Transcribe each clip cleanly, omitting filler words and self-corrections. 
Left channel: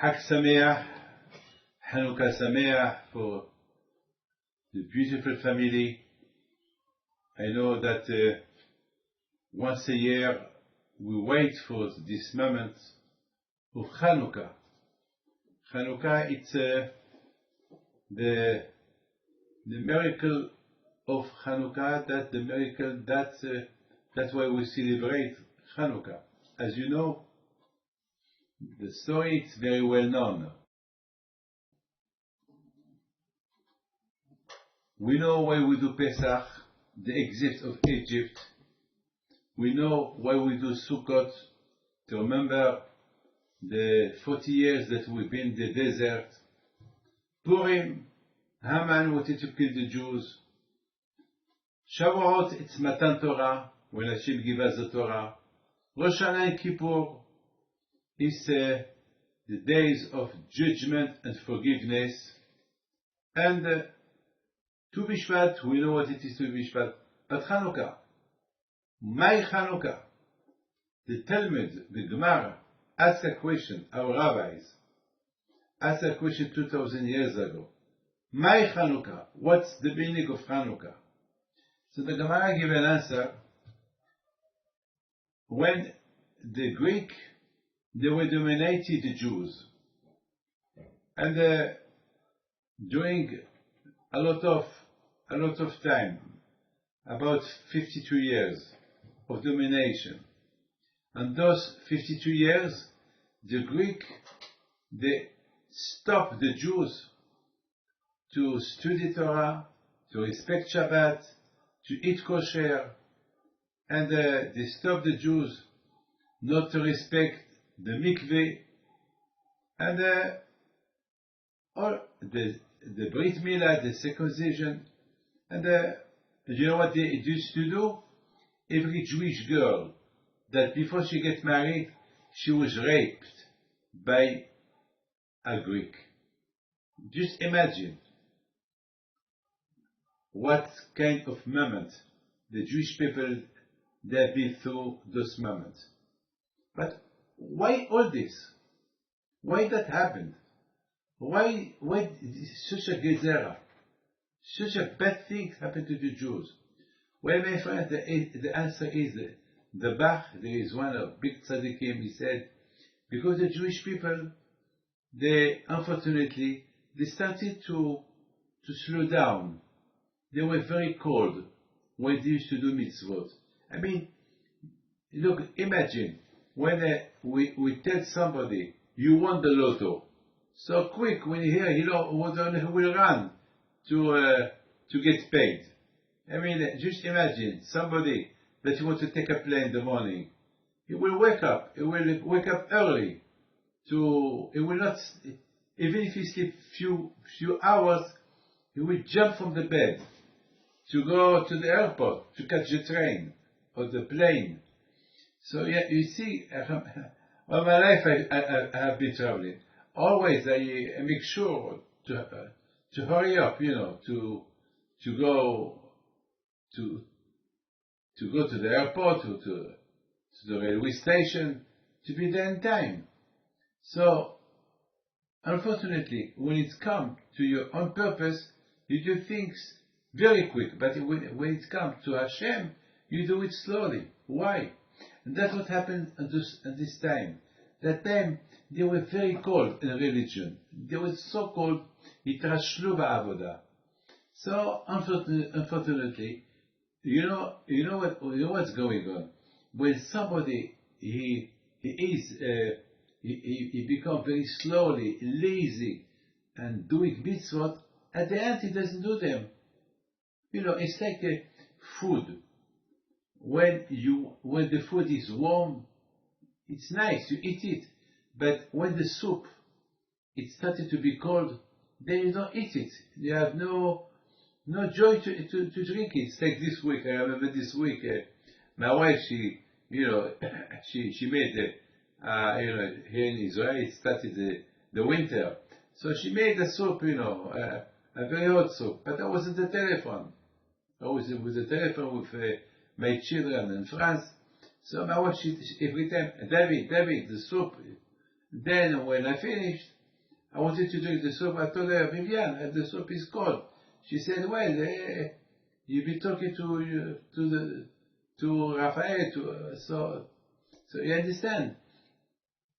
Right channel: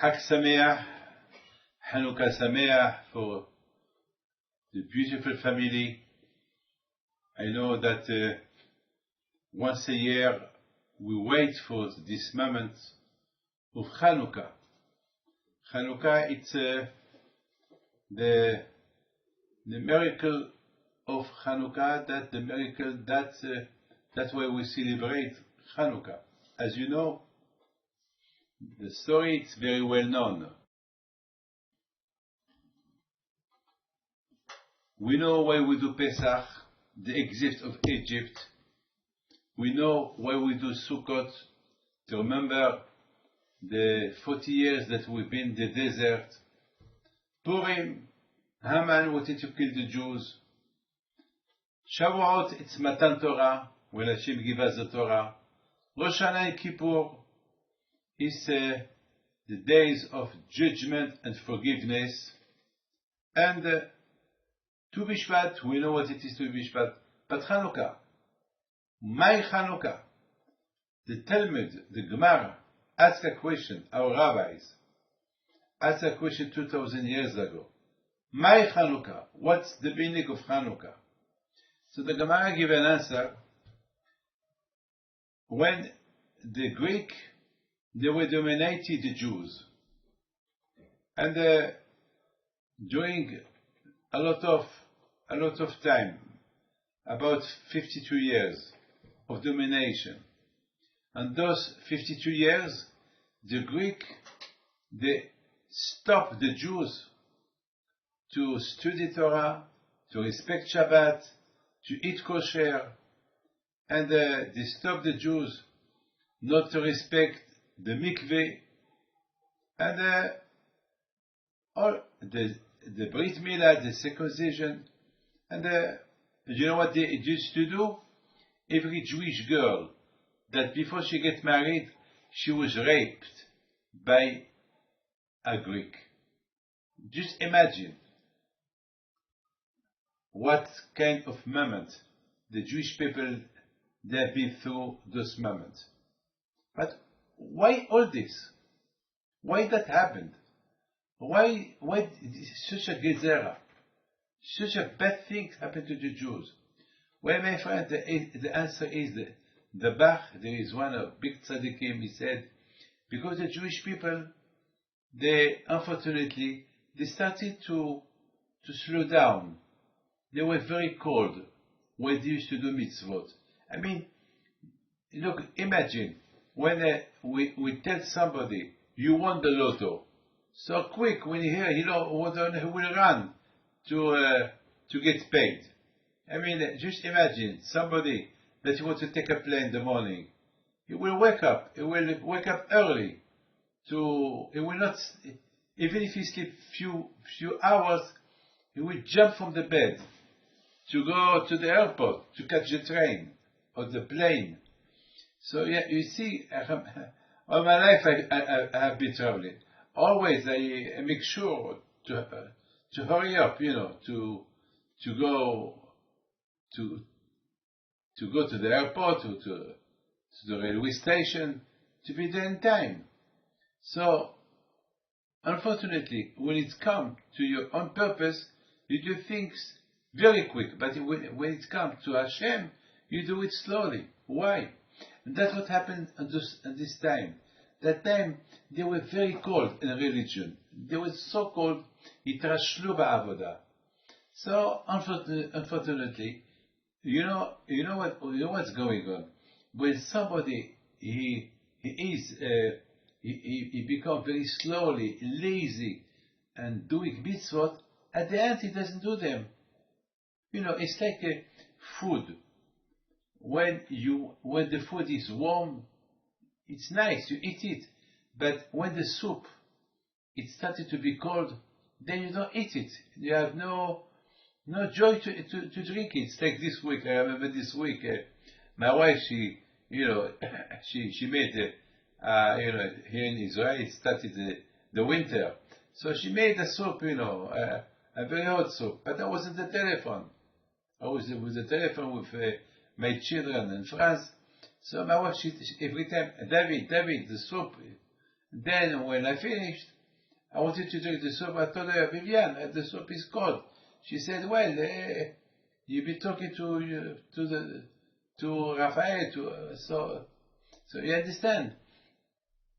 Hag Sameach, Hanukkah Sameach for the beautiful family. I know that once a year we wait for this moment of Hanukkah. Hanukkah, it's the miracle of Hanukkah, that's why we celebrate Hanukkah. As you know, the story is very well known. We know why we do Pesach, the exit of Egypt. We know why we do Sukkot, to remember the 40 years that we've been in the desert. Purim, Haman wanted to kill the Jews. Shavuot, it's Matan Torah, when Hashem gave us the Torah. Rosh Hashanah and Kippur is the days of judgment and forgiveness. And Tu B'Shvat, we know what it is, Tu B'Shvat. But Hanukkah, my Hanukkah, the Talmud, the Gemara, asked a question, our rabbis asked a question 2,000 years ago. My Hanukkah, what's the meaning of Hanukkah? So the Gemara gave an answer. When the Greek, they were dominating the Jews, and during a lot of time, about 52 years of domination, and those 52 years, the Greek, they stopped the Jews to study Torah, to respect Shabbat, to eat kosher, and they stopped the Jews not to respect the mikveh, and all the Brit Milah, the circumcision, and you know what they used to do? Every Jewish girl that before she gets married, she was raped by a Greek. Just imagine what kind of moment the Jewish people, they have been through those moments. But why all this? Why that happened? Why such a gezerah? Such a bad thing happened to the Jews? Well, my friend, the answer is the Bach. There is one of big tzaddikim. He said, because the Jewish people, they unfortunately they started to slow down. They were very cold when they used to do mitzvot. I mean, look, imagine when we tell somebody you won the lotto, so quick when you hear, who will run to get paid. I mean, just imagine somebody that you want to take a plane in the morning. He will wake up. He will wake up early. He will not, even if he sleep few hours, he will jump from the bed to go to the airport to catch the train or the plane. So yeah, you see, all my life I have been traveling. Always I make sure to hurry up, to go to the airport, to the railway station, to be there in time. So, unfortunately, when it comes to your own purpose, you do things very quick. But when it comes to Hashem, you do it slowly. Why? And that's what happened at this time. That time, they were very cold in religion. They were so cold, itrashlu ba'avodah. So, unfortunately, you know what's going on. When somebody he becomes very slowly lazy and doing mitzvot, at the end he doesn't do them. It's like food. When the food is warm, it's nice, you eat it. But when the soup it started to be cold, then you don't eat it. You have no joy to drink it. It's like this week. I remember this week, my wife, she made here in Israel, it started the winter. So she made a soup, a very hot soup. But I was at the telephone. I was with the telephone with my children in France. So my wife, she every time, David, the soup. Then when I finished, I wanted to drink the soup. I told her, Vivian, the soup is cold. She said, well, you be talking to Raphael, so you understand.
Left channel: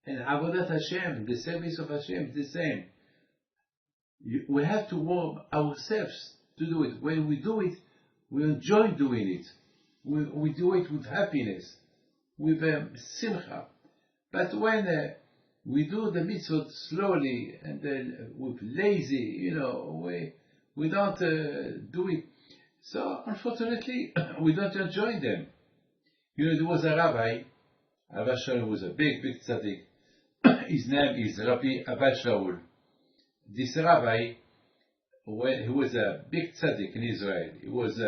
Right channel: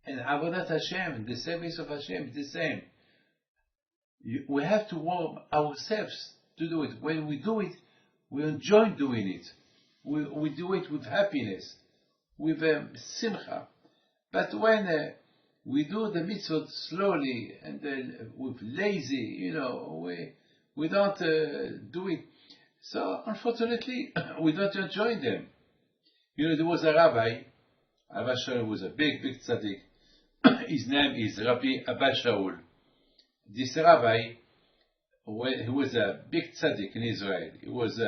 And Avodat Hashem, the service of Hashem, is the same. We have to warm ourselves to do it. When we do it, we enjoy doing it. We do it with happiness, with simcha. But when we do the mitzvot slowly and then with lazy, we don't do it. So unfortunately, we don't enjoy them. There was a rabbi. Abba Shaul was a big tzaddik. His name is Rabbi Abba Shaul. This rabbi, he was a big tzaddik in Israel. He was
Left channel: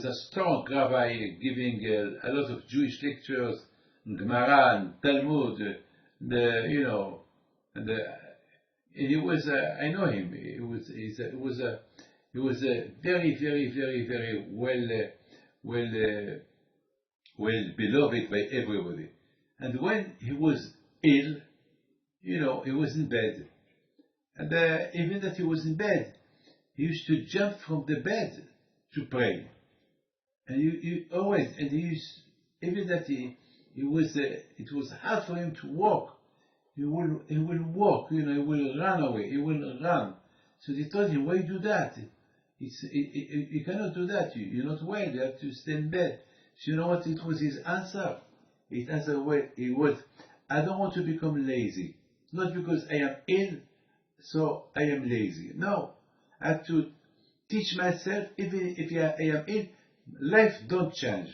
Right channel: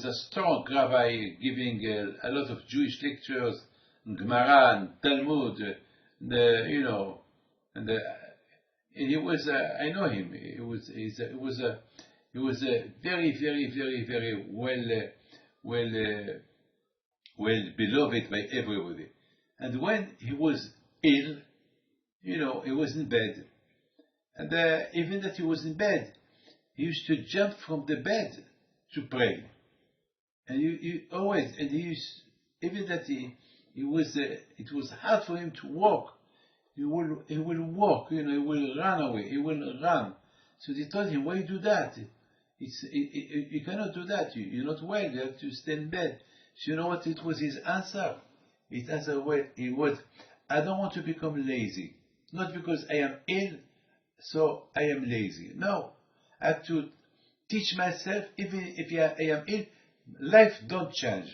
a strong rabbi giving a lot of Jewish lectures, Gemara and Talmud, and he was. I know him. He was a very, very, very, very well beloved by everybody. And when he was ill, he was in bed, and even that he was in bed, he used to jump from the bed to pray, and he always, and he used, even that it was hard for him to walk. He will walk, he will run away, he will run. So they told him, why you do that? You cannot do that. You're not well. You have to stay in bed. So you know what it was his answer? His answer was, I don't want to become lazy. Not because I am ill, so I am lazy. No, I have to teach myself, even if I am ill, life don't change.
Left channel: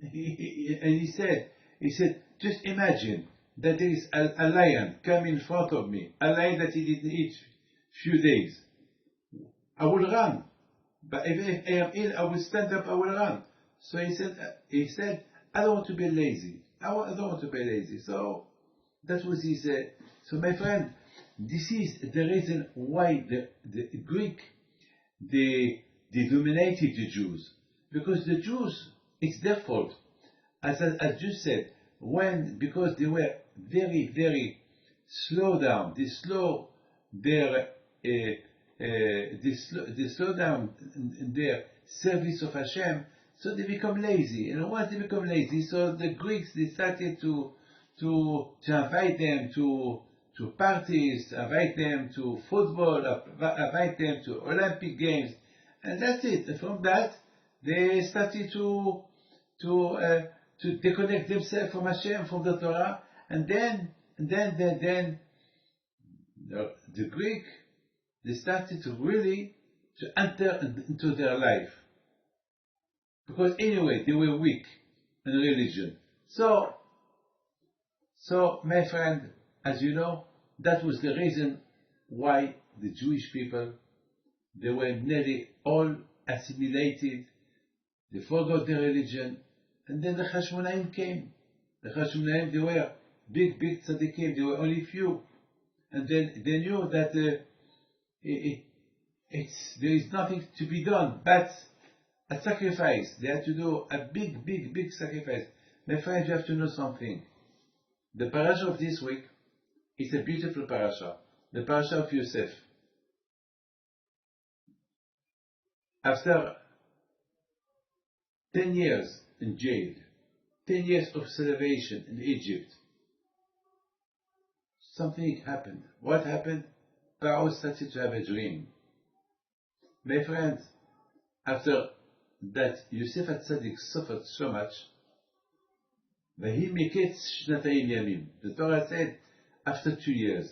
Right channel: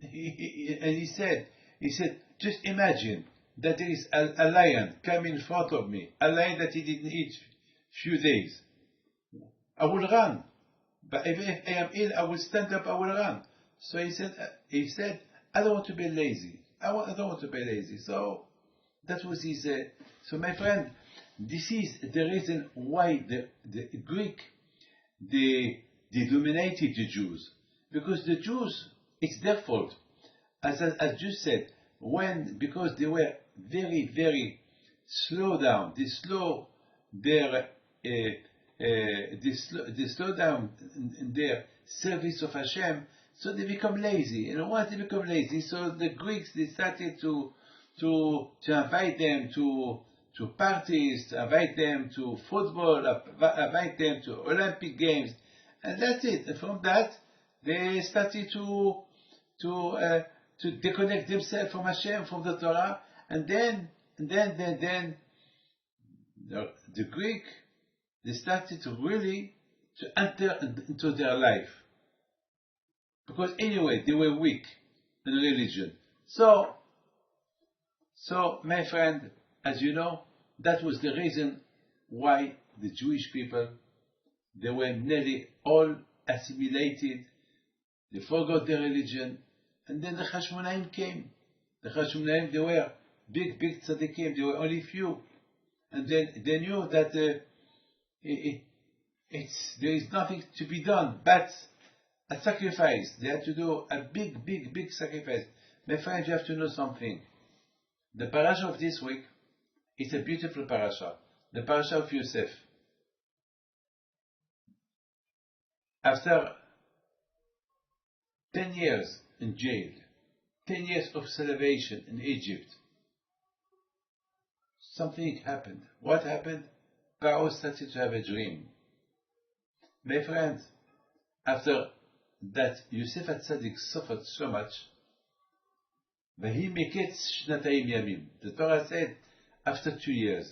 And he said, just imagine that there is a lion coming in front of me, a lion that he didn't eat few days. I will run. But if I am ill, I will stand up, I will run. So he said, I don't want to be lazy. I don't want to be lazy. So that was his. So my friend, this is the reason why the Greek they dominated the Jews, because the Jews, it's their fault. As you said, because they were very, very slow down. They slow down in their service of Hashem, so they become lazy. And once they become lazy, so the Greeks, they started to invite them to parties, invite them to football, invite them to Olympic Games, and that's it. And from that, they started to disconnect themselves from Hashem, from the Torah, and then the Greek, they started to really to enter into their life, because anyway they were weak in religion. So my friend, as you know, that was the reason why the Jewish people, they were nearly all assimilated. They forgot their religion, and then the Hashmonaim came. The Hashmonaim, they were big tzaddikim. They were only few, and then they knew that there is nothing to be done but a sacrifice. They had to do a big sacrifice. My friends, you have to know something. The parasha of this week is a beautiful parasha. The parasha of Yosef. After 10 years in jail, 10 years of salvation in Egypt, something happened. What happened? Pharaoh started to have a dream. My friends, after that Yosef HaTzadik suffered so much, Mikets shnatayim yamim. The Torah said, after 2 years.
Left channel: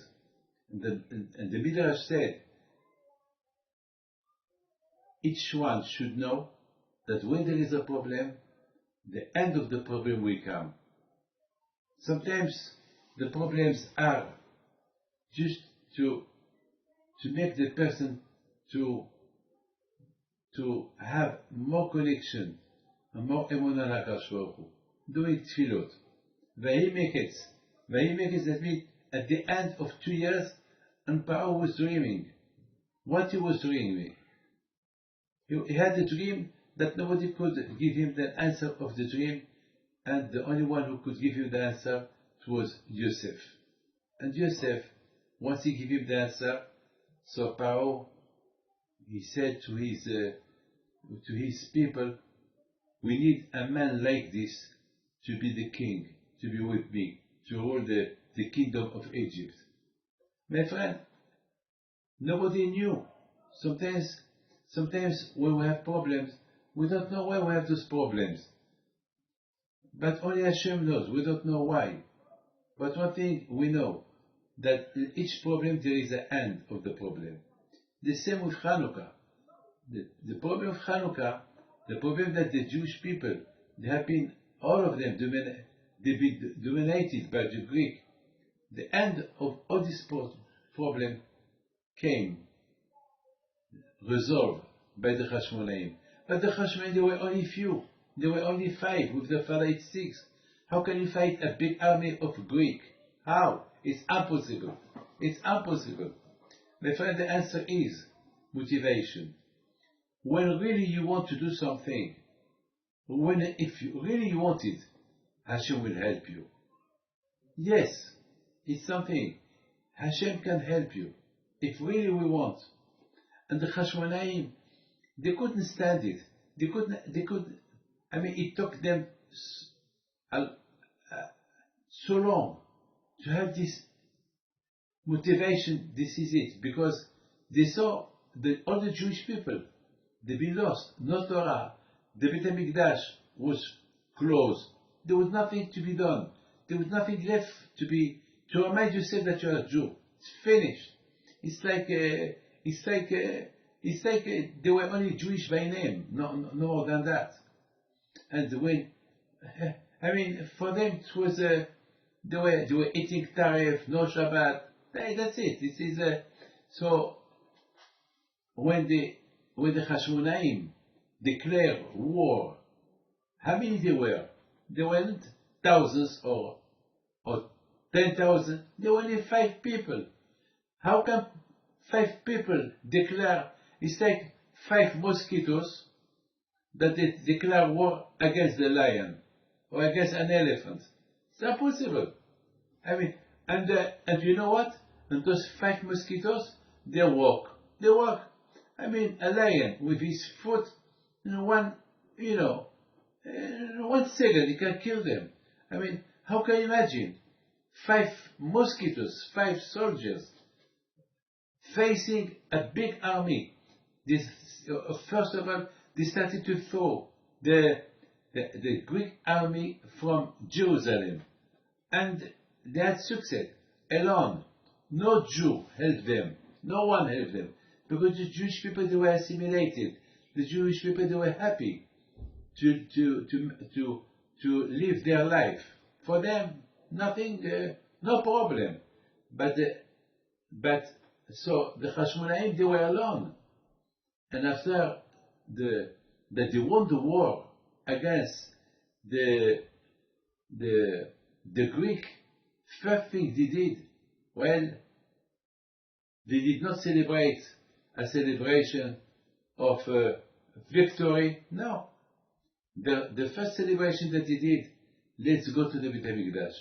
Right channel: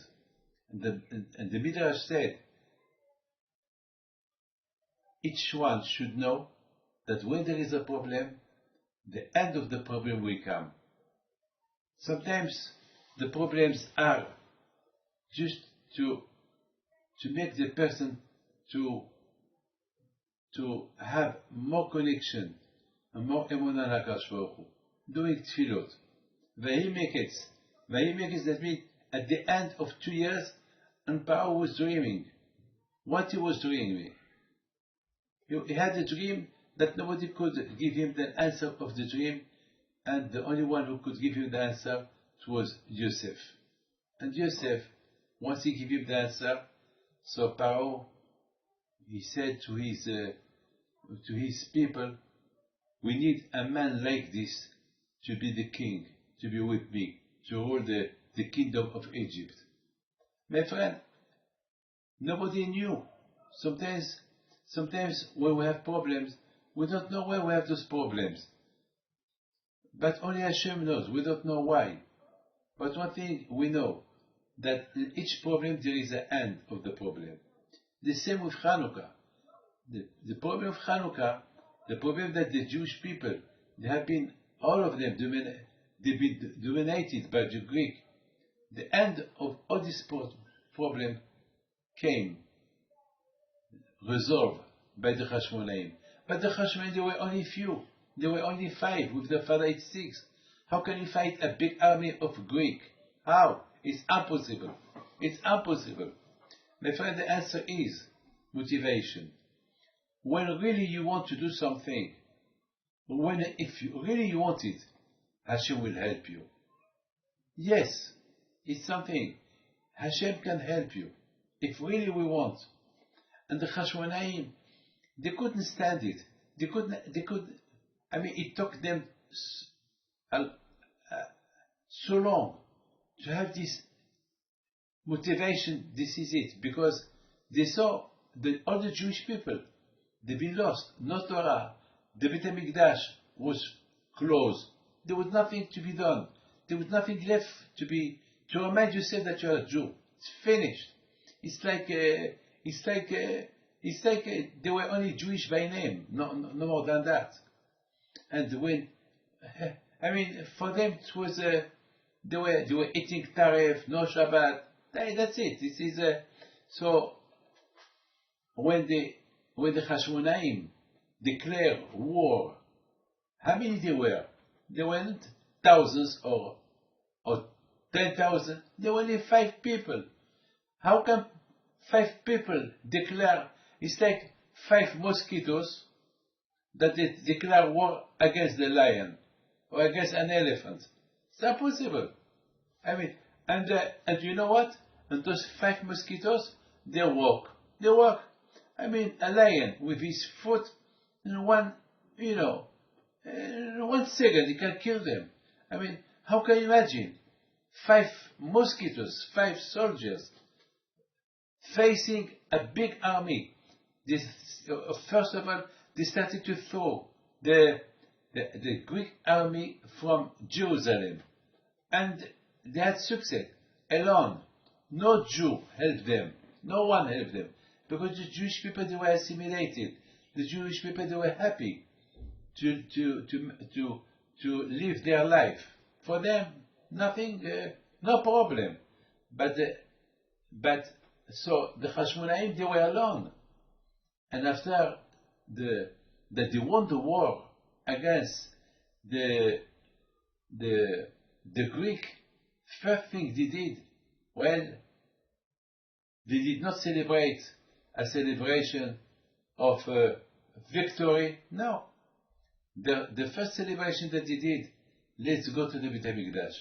And the Midrash said, each one should know that when there is a problem, the end of the problem will come. Sometimes the problems are just to make the person to have more connection and more emunah l'Hakadosh Baruch Hu. Doing tefillot. Mikets, that means at the end of 2 years, and Pharaoh was dreaming. What he was dreaming? He had a dream that nobody could give him the answer of the dream. and the only one who could give him the answer was Joseph. And Joseph, once he gave him the answer, so Pharaoh, he said to his people, we need a man like this to be the king, to be with me, to rule the kingdom of Egypt. My friend, nobody knew. Sometimes when we have problems, we don't know where we have those problems. But only Hashem knows. We don't know why. But one thing we know, that in each problem there is an end of the problem. The same with Hanukkah. The problem of Hanukkah, the problem that the Jewish people, they have been, all of them, they've been dominated by the Greek. The end of all this problem came, resolved by the Hashmonaim. But the Hashmonaim, they were only few. There were only 5, with the father it's 6. How can you fight a big army of Greek? How? It's impossible. It's impossible. My friend, the answer is motivation. When really you want to do something, if you really want it, Hashem will help you. Yes, it's something. Hashem can help you, if really we want. And the Hashmonaim, they couldn't stand it. It took them so long to have this motivation. This is it, because they saw all the Jewish people, they've been lost. No Torah. The Beit HaMikdash was closed. There was nothing to be done. There was nothing left to remind yourself that you are a Jew. It's finished. It's like they were only Jewish by name, no more than that. And for them it was they were eating tarif, no Shabbat. That's it. This is so when the Hashmonaim declared war, how many they were? They weren't thousands or 10,000. There were only 5 people. How can 5 people declare? It's like 5 mosquitoes that they declare war against the lion or against an elephant. It's impossible. And you know what? And those 5 mosquitoes, they walk. A lion with his foot in 1 second, he can kill them. How can you imagine 5 mosquitoes, 5 soldiers facing a big army? First of all, they started to throw the Greek army from Jerusalem, and they had success alone. No Jew helped them. No one helped them, because the Jewish people, they were assimilated. The Jewish people, they were happy to live their life. For them, nothing, no problem. But so the Hashmonaim, they were alone. And after that they won the war against the Greek, first thing they did, they did not celebrate a celebration of victory. No. The first celebration that they did, let's go to the Beit HaMikdash.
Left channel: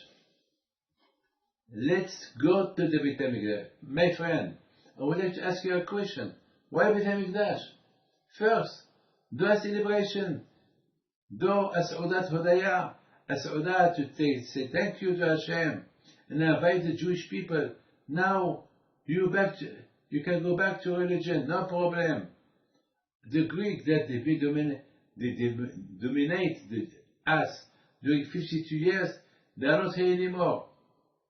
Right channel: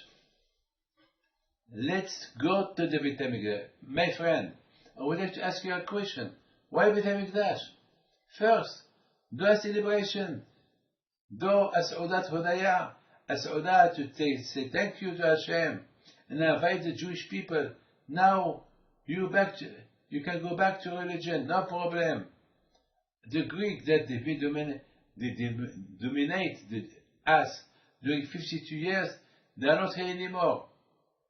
Let's go to the Beit HaMikdash. My friend, I would like to ask you a question. Why Beit HaMikdash? First, do a celebration. Do a Seudat Hodaya. A Seudat to say thank you to Hashem. And invite the Jewish people. Now, you can go back to religion. No problem. The Greek that they dominate us during 52 years, they are not here anymore.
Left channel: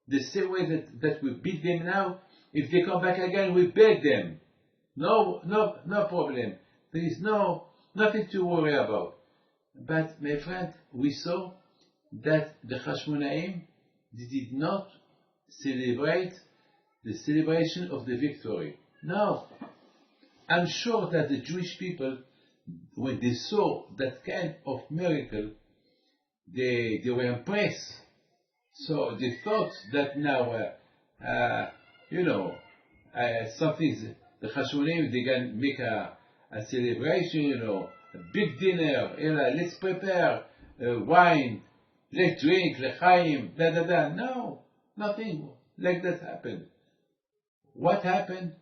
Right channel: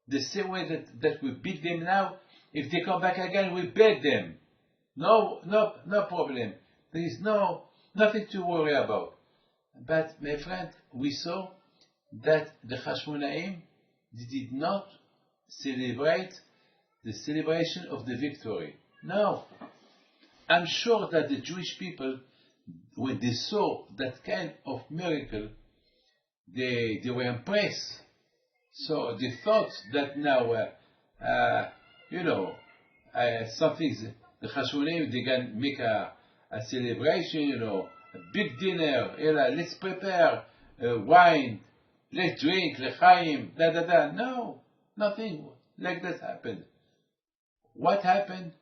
The same way that we beat them now, if they come back again, we beat them. No problem. There is nothing to worry about. But my friend, we saw that the Hashmonaim, they did not celebrate the celebration of the victory. No. I'm sure that the Jewish people, when they saw that kind of miracle, they were impressed. So they thought that now, something, the Hashmonaim, they can make a celebration, a big dinner, let's prepare wine, let's drink, l'chaim, da da da. No, nothing like that happened. What happened?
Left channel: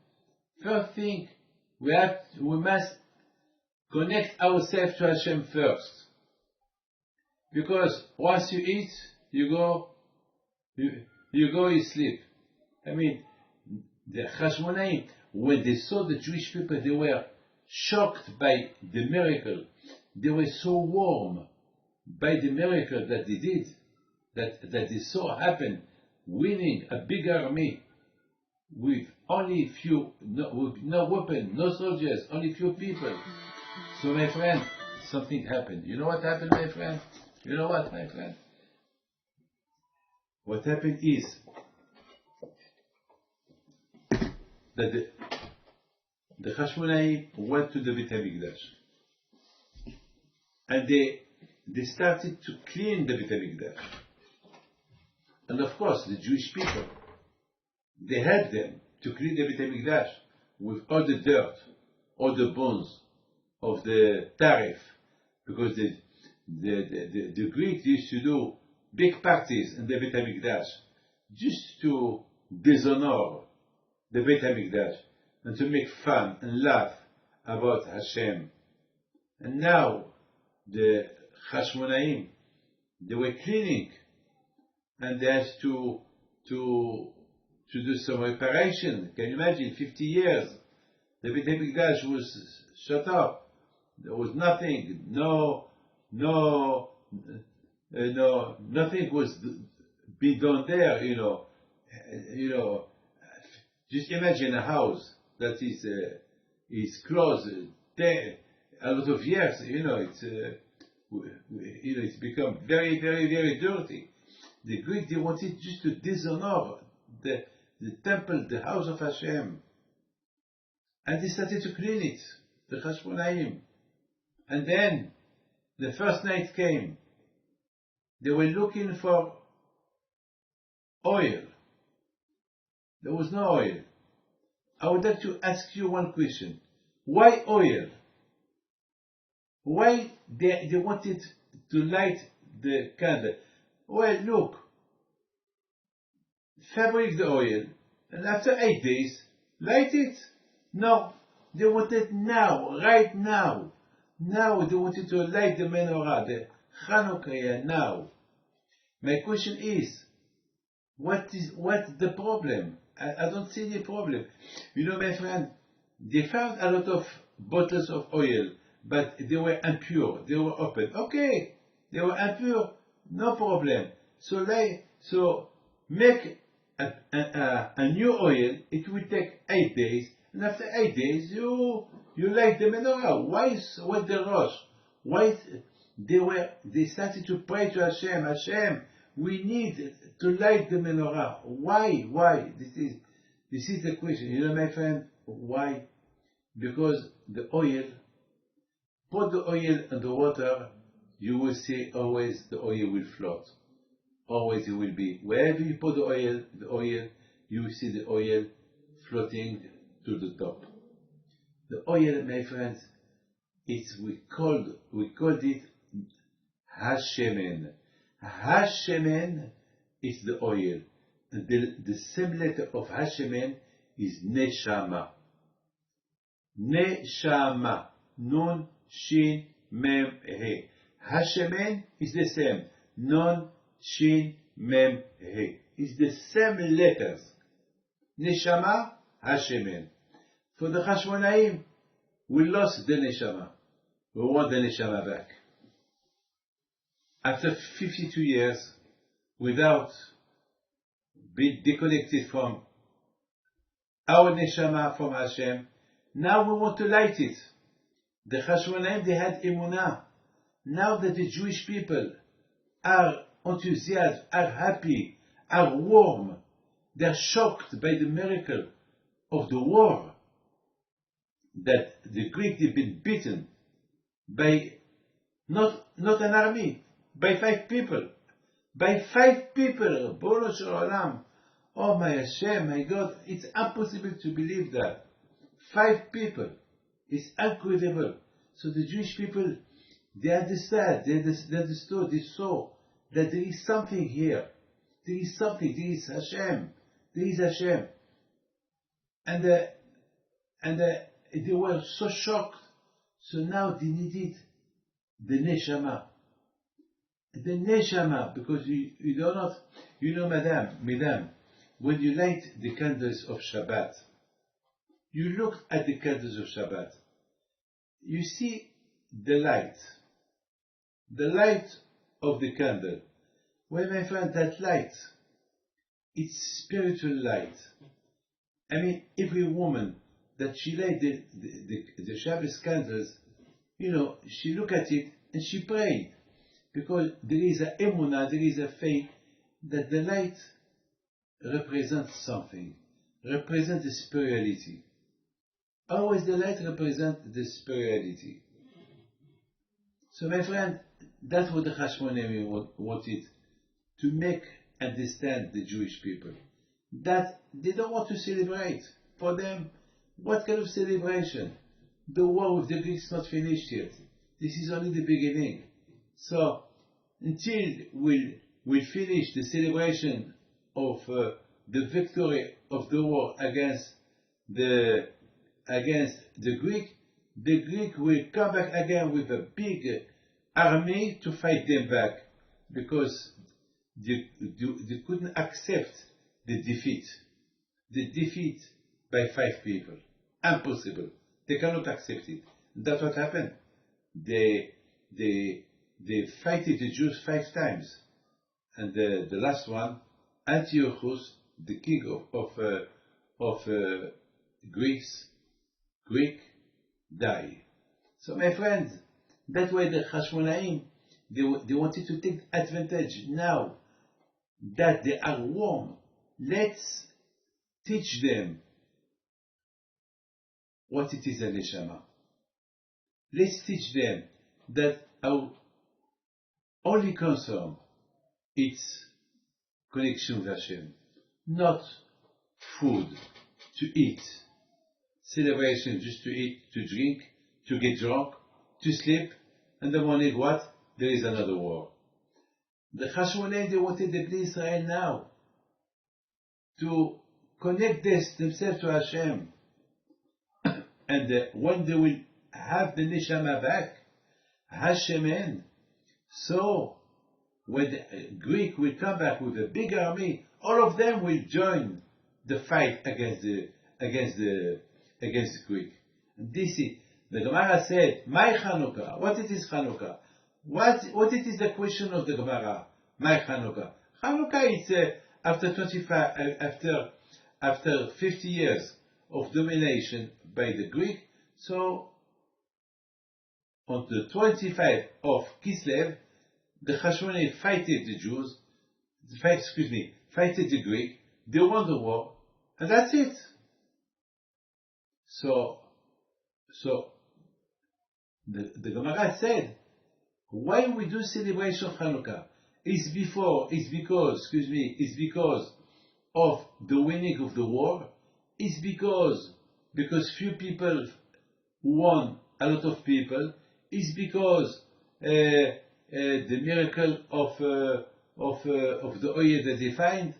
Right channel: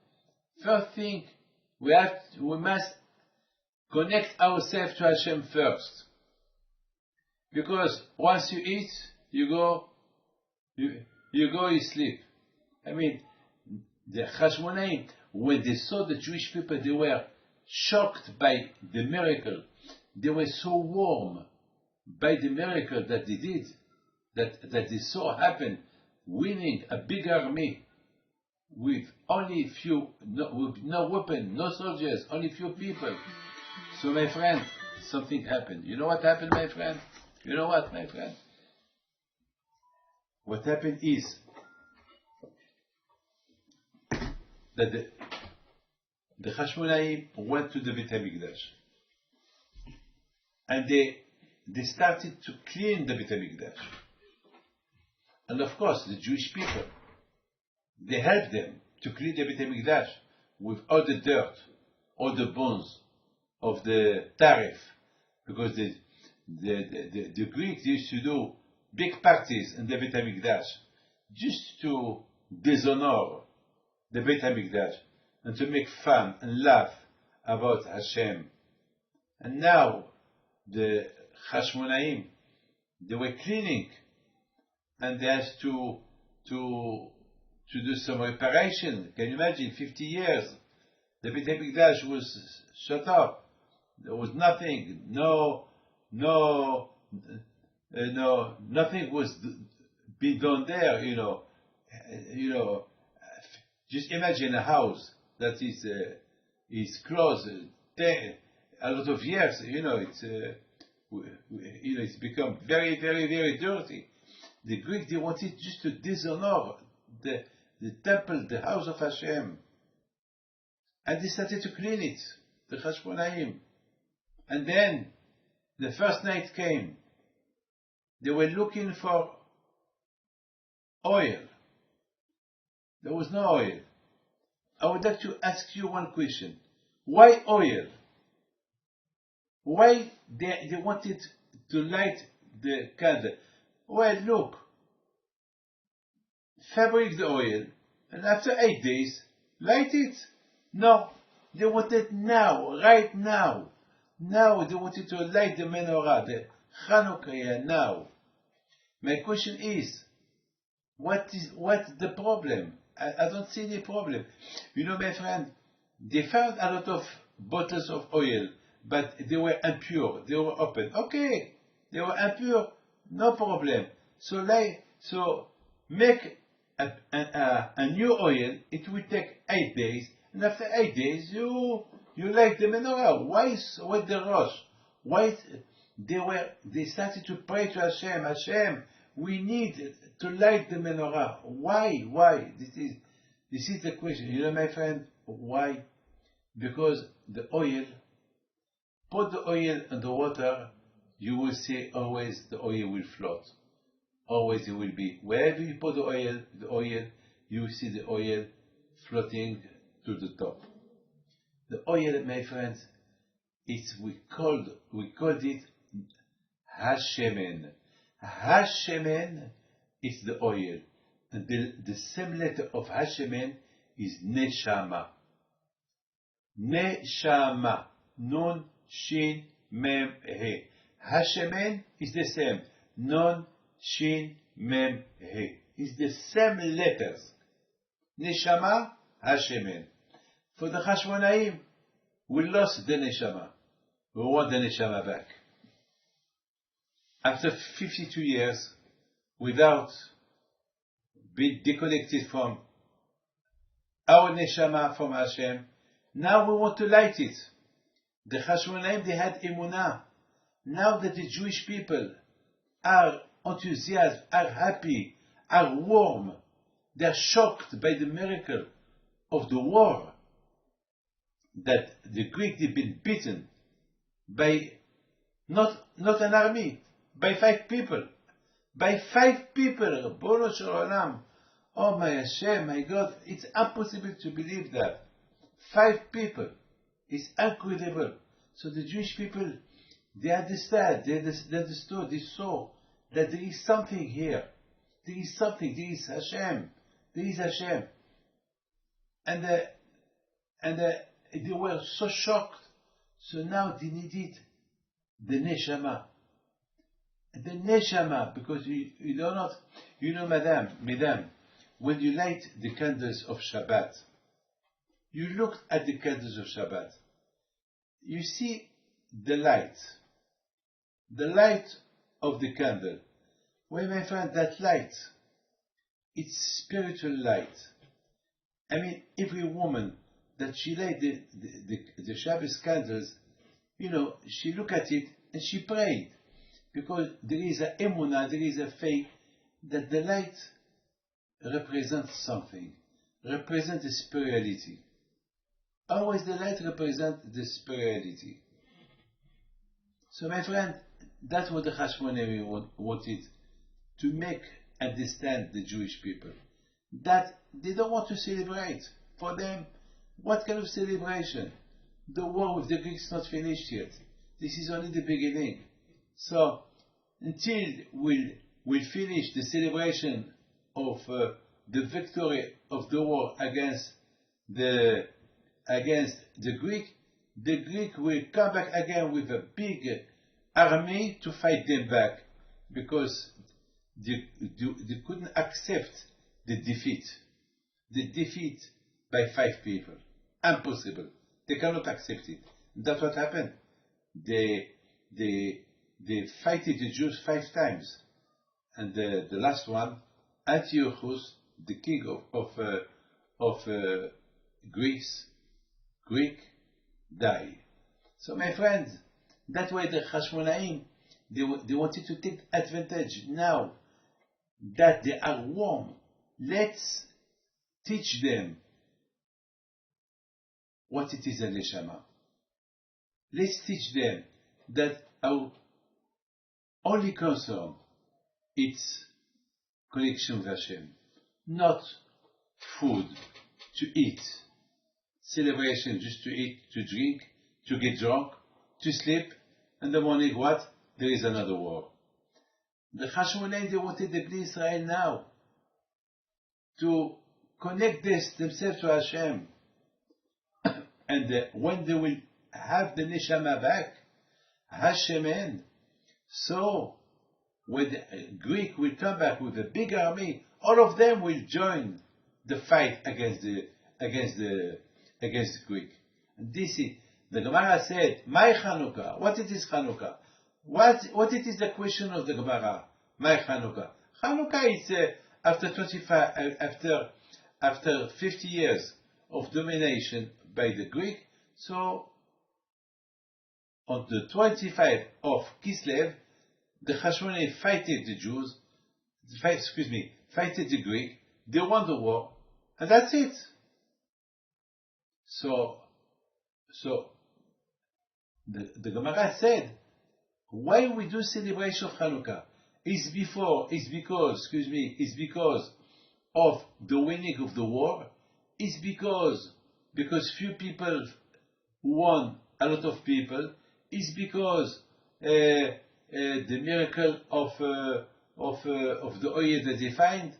First thing, we must connect ourselves to Hashem first. Because once you eat, you sleep. I mean, the Hashmonaim, when they saw the Jewish people, they were shocked by the miracle. They were so warm by the miracle that they did, that they saw happen, winning a big army with only few, with no weapon, no soldiers, only few people. So my friend, something happened. You know what happened, my friend? You know what, my friend? What happened is that the Hashmonaim went to the Beit HaMikdash, and they started to clean the Beit HaMikdash. And of course, the Jewish people, they helped them to clean the Beit HaMikdash with all the dirt, all the bones of the tariff, because the Greeks used to do big parties in the Beit HaMikdash just to dishonor the Beit HaMikdash and to make fun and laugh about Hashem. And now the Hashmonaim, they were cleaning, and they had to do some reparation. Can you imagine? 50 years, the Beit HaMikdash was shut up. There was nothing. Nothing was being done there. Just imagine a house that is closed a lot of years. It's become very, very, very dirty. The Greeks, they wanted just to dishonor the temple, the house of Hashem, and they started to clean it, the Hashmonaim. And then the first night came. They were looking for oil. There was no oil. I would like to ask you one question. Why oil? Why they wanted to light the candle? Well, look, fabric the oil, and after 8 days, light it. No, they wanted now, right now. Now they wanted to light the menorah, the Hanukkah now. My question is, what's the problem? I don't see the problem. My friend, they found a lot of bottles of oil, but they were impure. They were open. Okay, they were impure, no problem. So make a new oil. It will take 8 days, and after 8 days, you light the menorah. What the rush? Why they started to pray to Hashem? Hashem, we need to light the menorah. Why? This is the question. My friend, why? Because the oil, put the oil in the water, you will see always the oil will float. Always it will be. Wherever you put the oil, you will see the oil floating to the top. The oil, my friends, we called it Hashemen. Hashemen is the oil. And the same letter of Hashemen is Neshama. Neshama. Nun, Shin, Mem, He. Hashemen is the same. Nun, Shin, Mem, He. It's the same letters. Neshama, Hashemen. For the Hashmonaim, we lost the Neshama. We want the Neshama back. After 52 years, without being disconnected from our Neshama, from Hashem, now we want to light it. The Hashmonaim, they had Emunah. Now that the Jewish people are enthusiastic, are happy, are warm, they are shocked by the miracle of the war, that the Greeks have been beaten by not an army, by 5 people. By 5 people, Bolo Shel Olam. Oh my Hashem, my God, it's impossible to believe that. 5 people. It's incredible. So the Jewish people, they understand, they understood, they saw that there is something here. There is something. There is Hashem. There is Hashem. And they were so shocked. So now they needed the neshama. The neshama, because you do not, madam, when you light the candles of Shabbat, you look at the candles of Shabbat, you see the light of the candle. Well, my friend, that light, it's spiritual light. I mean, every woman that she light the Shabbos candles, she look at it and she prayed. Because there is a emunah, there is a faith that the light represents something, represents the spirituality. Always the light represents the spirituality. So my friend, that's what the Hashmonaim wanted to make understand the Jewish people. That they don't want to celebrate. For them, what kind of celebration? The war with the Greeks is not finished yet. This is only the beginning. So, until we'll finish the celebration of the victory of the war against the Greek will come back again with a big army to fight them back, because they couldn't accept the defeat by 5 people. Impossible. They cannot accept it. That's what happened. They fighted the Jews 5 times, and the last one, Antiochus, the king of Greek, died. So my friends, that's why the Hashmonaim, they wanted to take advantage now that they are warm. Let's teach them what it is a neshama. Let's teach them that our only concern is connection with Hashem, not food, to eat, celebration just to eat, to drink, to get drunk, to sleep, and the morning what? There is another war. The Hashmonaim, they wanted the Bnei Israel now to connect themselves to Hashem. And when they will have the neshama back, Hashemen, so when the Greek will come back with a big army, all of them will join the fight against the Greek. And this is the Gemara said, "My Chanukah." What it is Chanukah? What it is the question of the Gemara? My Chanukah. Chanukah is after 50 years of domination by the Greek. So on the 25th of Kislev, the Hashmonaim fighted the Jews, fighted the Greek. They won the war, and that's it. So the Gemara said, why we do celebration of Hanukkah? It's because of the winning of the war. It's because few people won a lot of people. It's because the miracle of the oil that they find.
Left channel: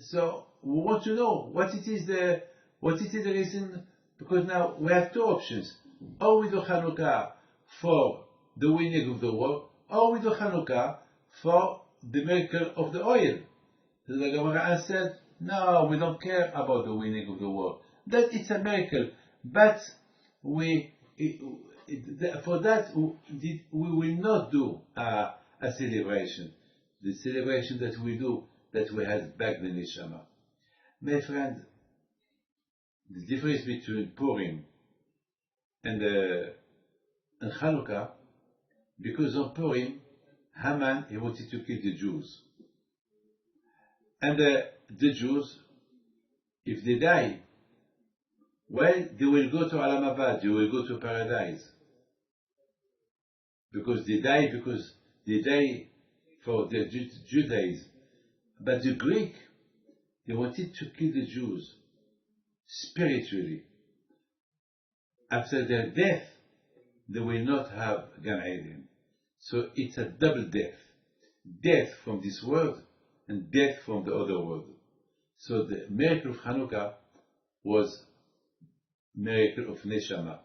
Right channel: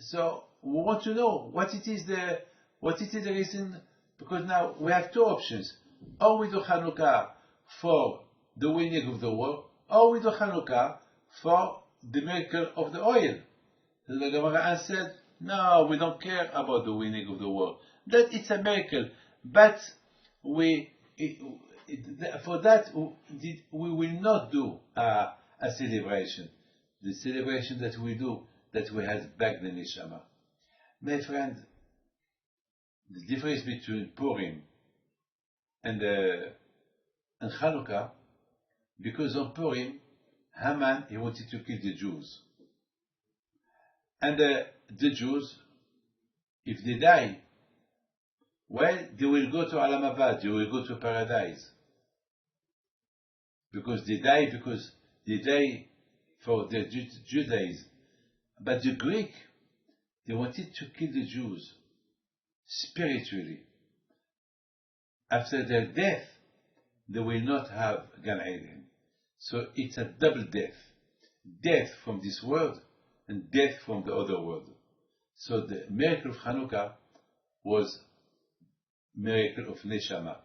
So we want to know what it is the reason, because now we have 2 options. Or we do Hanukkah for the winning of the war, or we do Hanukkah for the miracle of the oil. So the Gemara answered, no, we don't care about the winning of the war. That it's a miracle, but for that we will not do a celebration. The celebration that we do, that we have back the neshama. My friend, the difference between Purim and Hanukkah, because on Purim, Haman, he wanted to kill the Jews. And the Jews, if they die, well, they will go to Olam Haba, they will go to paradise. Because they die for their Judaism. But the Greek, they wanted to kill the Jews spiritually. After their death, they will not have Gan Eden. So it's a double death. death from this world and death from the other world. So the miracle of Hanukkah was miracle of Neshama.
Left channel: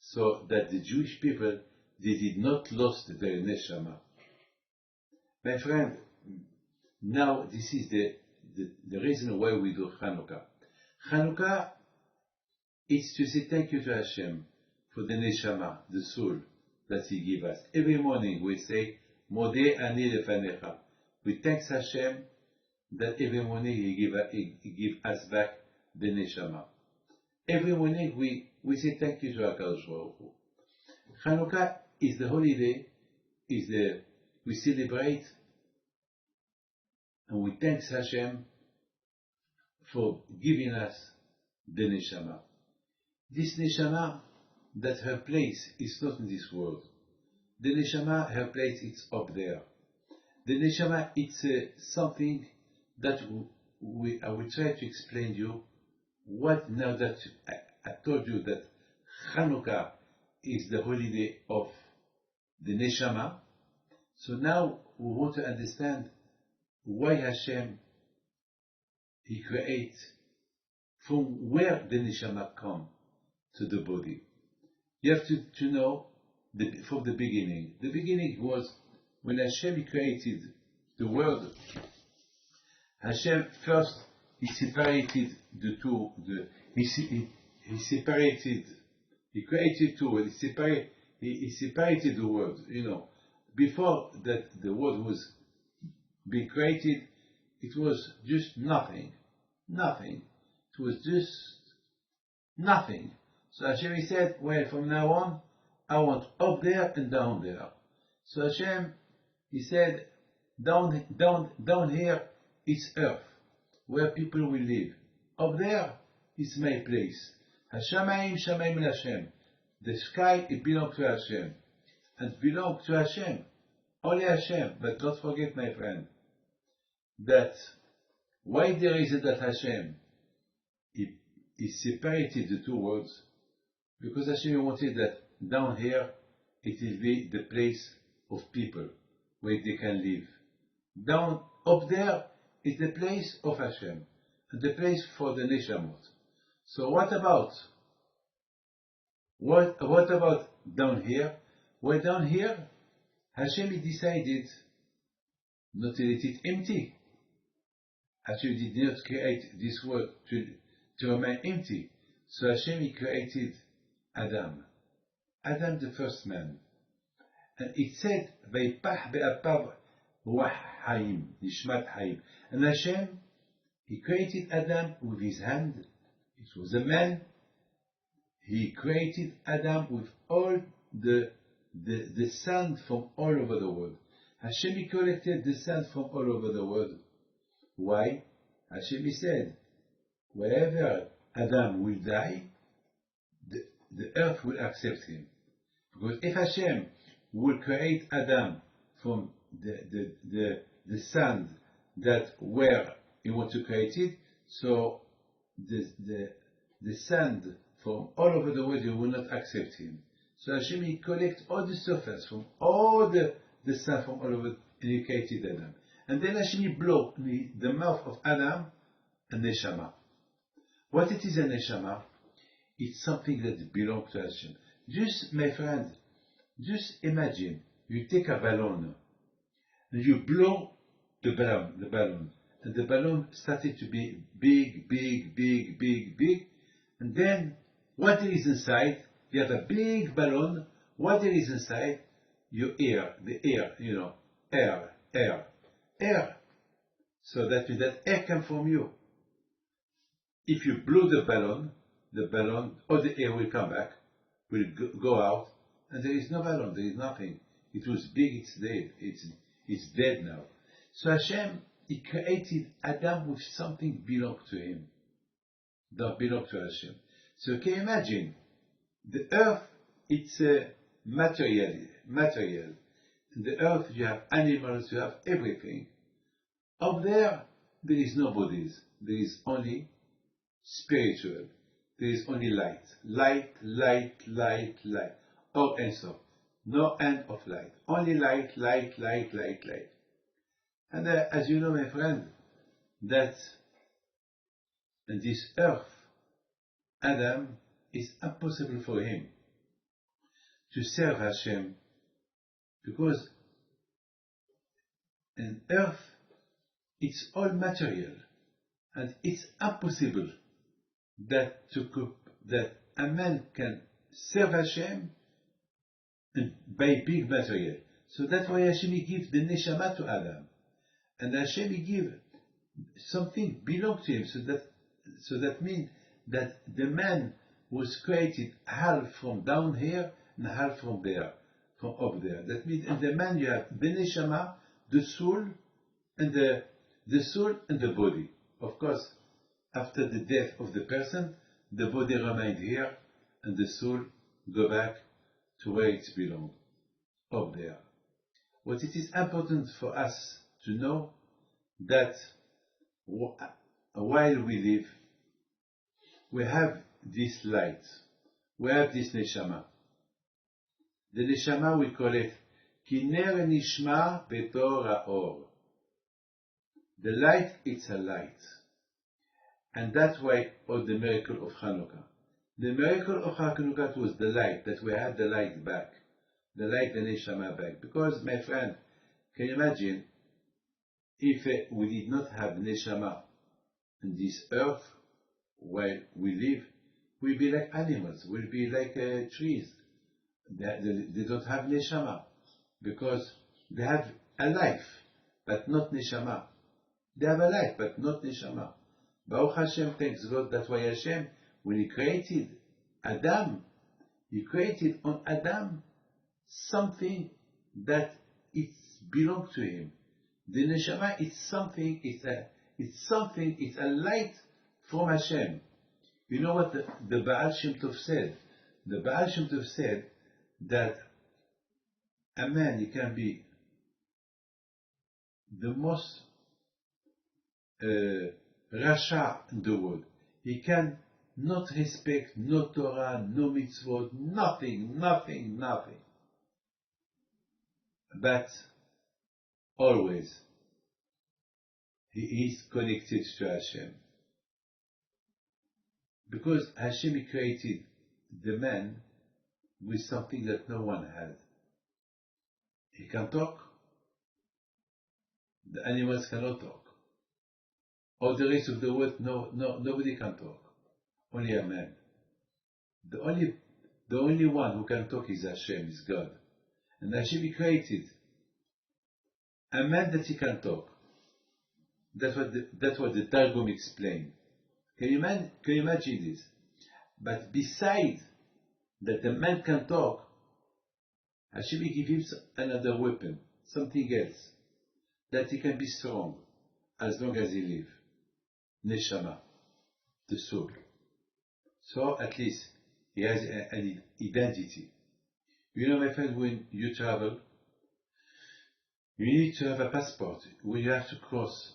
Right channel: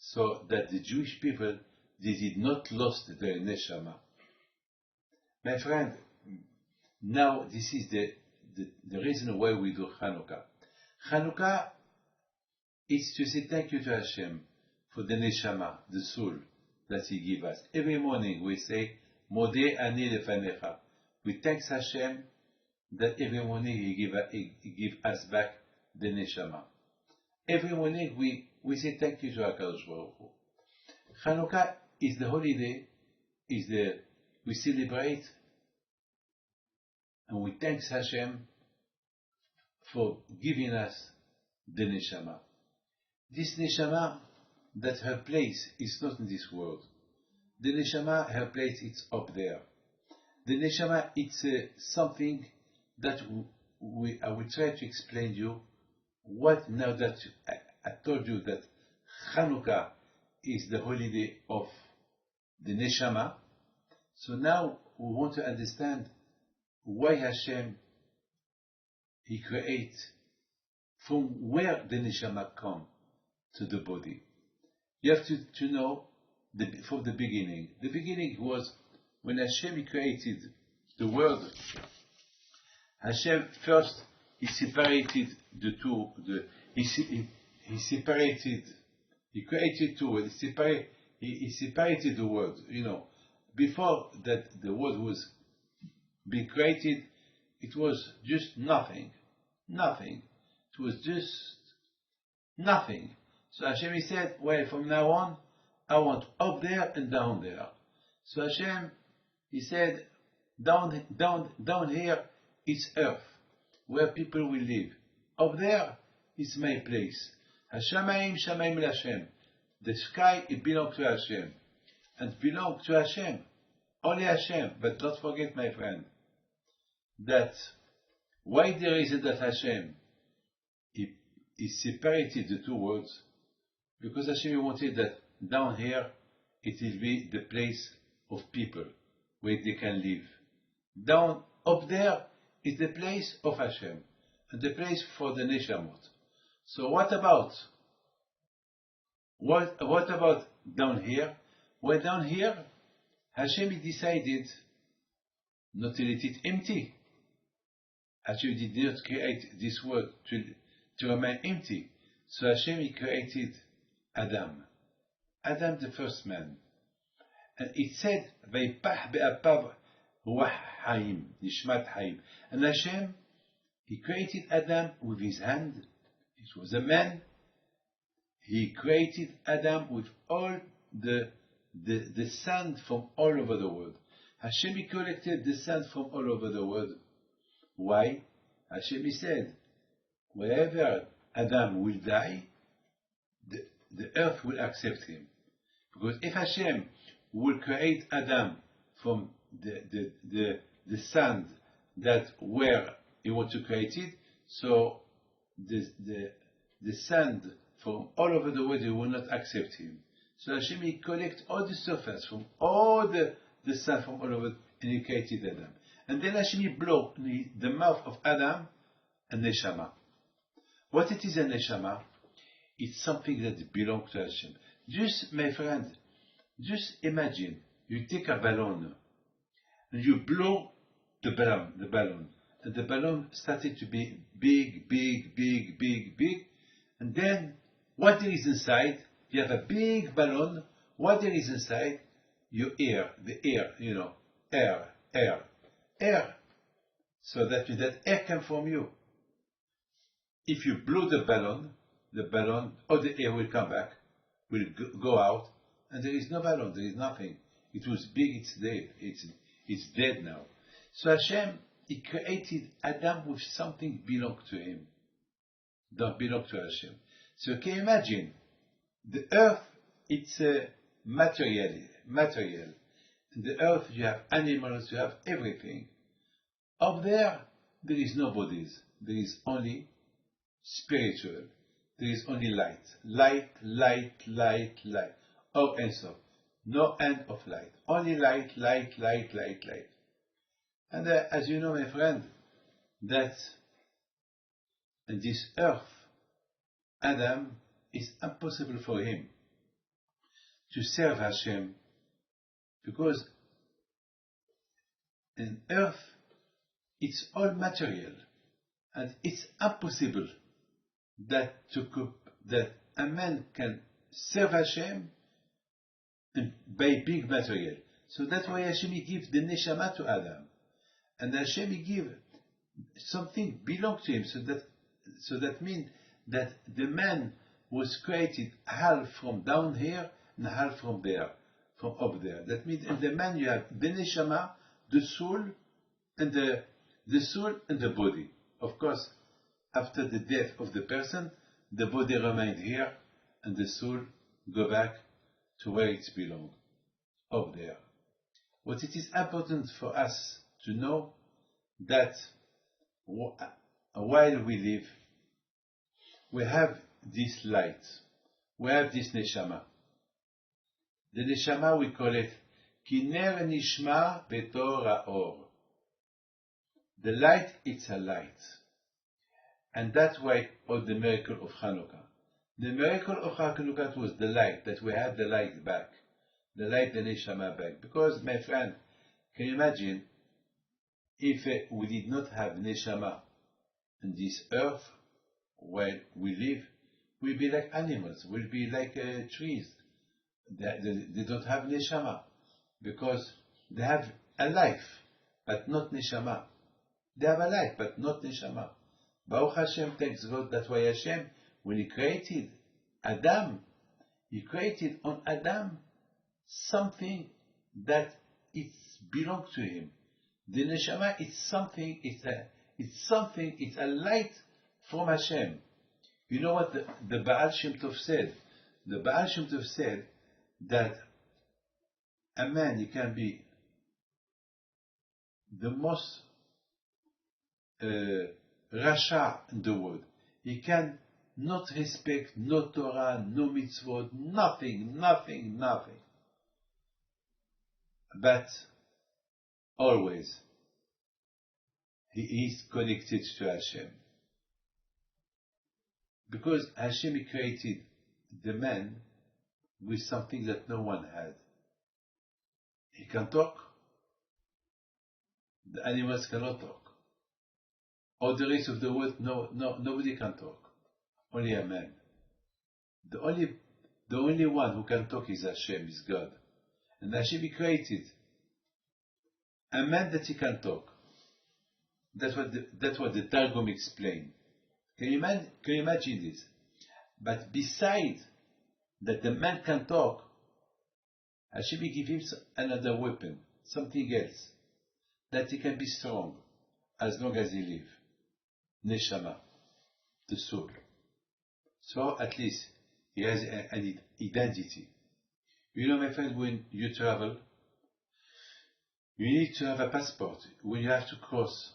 So that the Jewish people, they did not lose their Neshama. My friend, now this is the reason why we do Hanukkah. Hanukkah is to say thank you to Hashem for the Neshama, the soul that He gave us. Every morning we say, Modeh ani lefanecha. We thank Hashem that every morning He give us back the Neshama. Every morning we say thank you to HaKadosh Baruch Hu. Hanukkah is the holiday, we celebrate and we thank Hashem for giving us the Neshama. This Neshama, that her place is not in this world. The Neshama, her place is up there. The Neshama, it's something that I will try to explain to you. What now that I told you that Hanukkah is the holiday of the Neshama, so now we want to understand why Hashem, He creates, from where the Neshama come to the body. You have to know from the beginning. The beginning was when Hashem created the world. Hashem first, He separated the two. He separated. He created two. He separated the world. Before that, the world was being created. It was just nothing. It was just nothing. So Hashem said, well, from now on, I want up there and down there. So Hashem, He said, down here is earth, where people will live. Up there is my place. Hashamayim shamayim l'Hashem. The sky, it belongs to Hashem. And belongs to Hashem. Only Hashem. But don't forget, my friend, that why there is it that Hashem, He separated the two worlds? Because Hashem wanted that down here, it will be the place of people, where they can live. Down, up there, is the place of Hashem, and the place for the Neshamot. So what about down here? Well, down here, Hashem decided not to let it empty. Hashem did not create this world to remain empty. So Hashem, He created Adam, the first man. And it said, Vaypach be'apav ruach hayim, nishmat hayim. And Hashem, He created Adam with His hand. It was a man. He created Adam with all the sand from all over the world. Hashem, He collected the sand from all over the world. Why? Hashem, He said, wherever Adam will die, the earth will accept him. Because if Hashem will create Adam from the sand that where He wants to create it, so the sand from all over the world, He will not accept him. So Hashem, He collects all the surface from all the sand from all over, and He created Adam. And then Hashem, He blew in the mouth of Adam a neshama. What it is a neshama? It's something that belongs to Hashem. Just, my friend, just imagine, you take a balloon, and you blow the balloon, and the balloon started to be big, and then what there is inside, you have a big balloon, what there is inside, your air, air. So that means that air comes from you. If you blow the balloon, all the air will come back, will go out, and there is no balloon, there is nothing. It was big, it's dead. It's dead now. So Hashem, He created Adam with something belong to Him. Don't belong to Hashem. So can you imagine, the earth, it's a material. In the earth you have animals, you have everything. Up there is no bodies. There is only spiritual. There is only light. Light. Oh, and so. No end of light. Only light, light, light, light, light. And as you know, my friend, that in this earth, Adam, is impossible for him to serve Hashem, because in earth it's all material, and it's impossible that a man can serve Hashem by big material. So that's why Hashem gives the neshama to Adam, and Hashem gives something belong to him. So that means that the man was created half from down here and half from there, from up there. That means in the man you have the neshama, the soul, and the soul and the body. Of course, after the death of the person, the body remains here, and the soul go back to where it belongs, up there. What it is important for us to know, that while we live, we have this light, we have this neshama. The neshama, we call it kiner nishma betor haor. The light, it's a light. And that's why all the miracle of Hanukkah. The miracle of Hanukkah was the light, that we had the light back. The light, the neshama back. Because, my friend, can you imagine if we did not have neshama in this earth where we live, we'll be like animals, we'll be like trees. They don't have neshama, because they have a life, but not neshama. They have a life, but not neshama. Baruch Hashem, thanks God. That's why Hashem, when He created Adam, He created on Adam something that it belongs to him. The neshama, it's something, it's a light from Hashem. You know what the Baal Shem Tov said? The Baal Shem Tov said that a man, he can be the most rasha in the world. He can not respect no Torah, no mitzvot, nothing. But always he is connected to Hashem. Because Hashem created the man with something that no one had. He can talk. The animals cannot talk. All the rest of the world, nobody can talk. Only a man. The only one who can talk is Hashem, is God. And Hashem created a man that he can talk. That's what the Targum explained. Can you imagine this? But beside that the man can talk, Hashem gives him another weapon, something else, that he can be strong as long as he lives. Neshama, the soul. So at least he has an identity. You know, my friend, when you travel, you need to have a passport. When you have to cross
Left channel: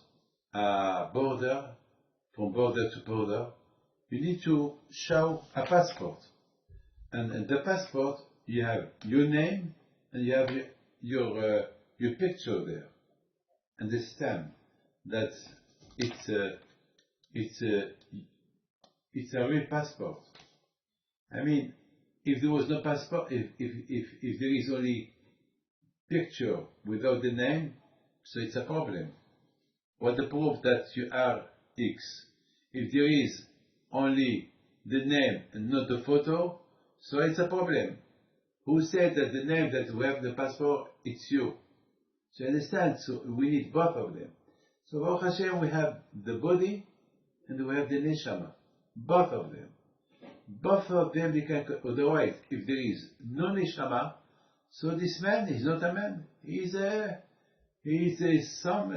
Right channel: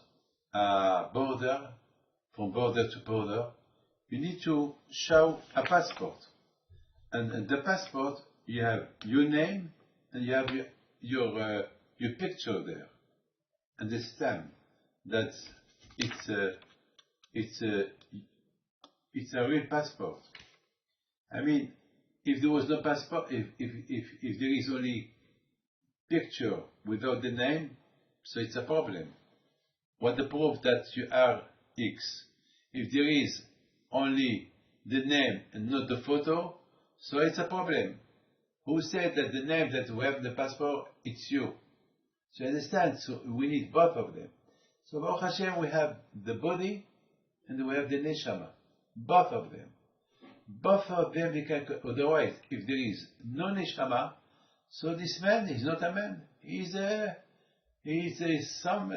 a border, from border to border, you need to show a passport. And the passport, you have your name, and you have your picture there, and the stamp that it's a real passport. I mean, if there was no passport, if there is only picture without the name, so it's a problem. What the proof that you are X? If there is only the name and not the photo, so it's a problem. Who said that the name that we have the passport, it's you? So you understand? So we need both of them. So Baruch Hashem, we have the body and we have the neshama. Both of them. Both of them, they can, otherwise, if there is no neshama, so this man is not a man. He's some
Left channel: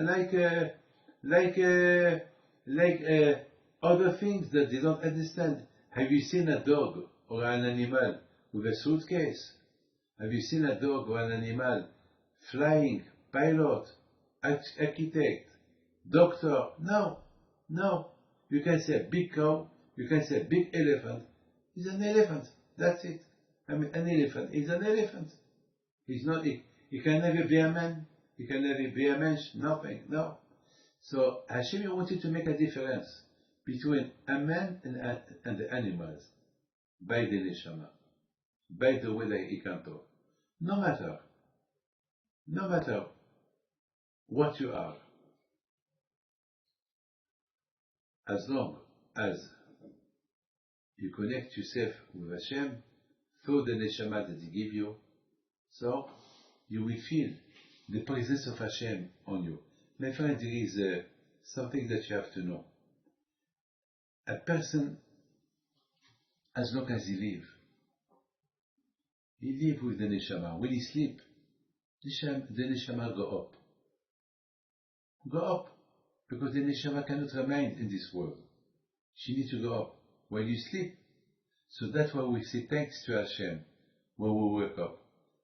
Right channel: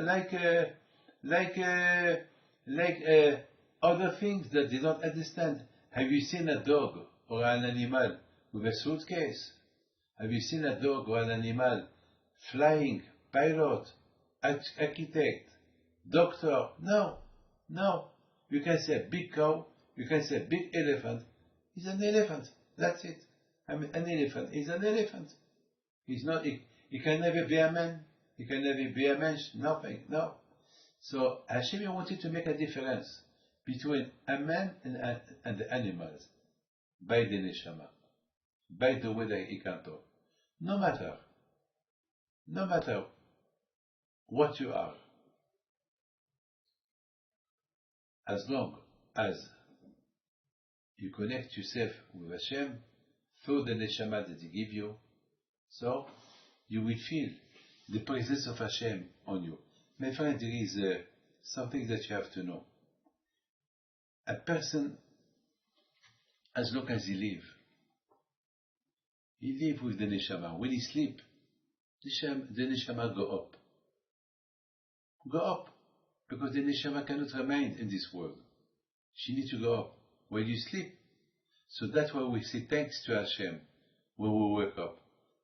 other things that they don't understand. Have you seen a dog or an animal with a suitcase? Have you seen a dog or an animal flying, pilot, architect, doctor? No. You can say a big cow, you can say a big elephant. He's an elephant. That's it. I mean, an elephant is an elephant. He's not. He can never be a man. He can never be a mensch. Nothing. No. So Hashem wanted to make a difference between a man and the animals by the neshama, by the way that he can talk. No matter what you are, as long as you connect yourself with Hashem through the neshama that He give you, so you will feel the presence of Hashem on you. My friend, there is something that you have to know. A person, as long as he live with the neshama. When he sleep, the neshama go up, because the neshama cannot remain in this world. She needs to go up when you sleep. So that's why we say thanks to Hashem when we wake up.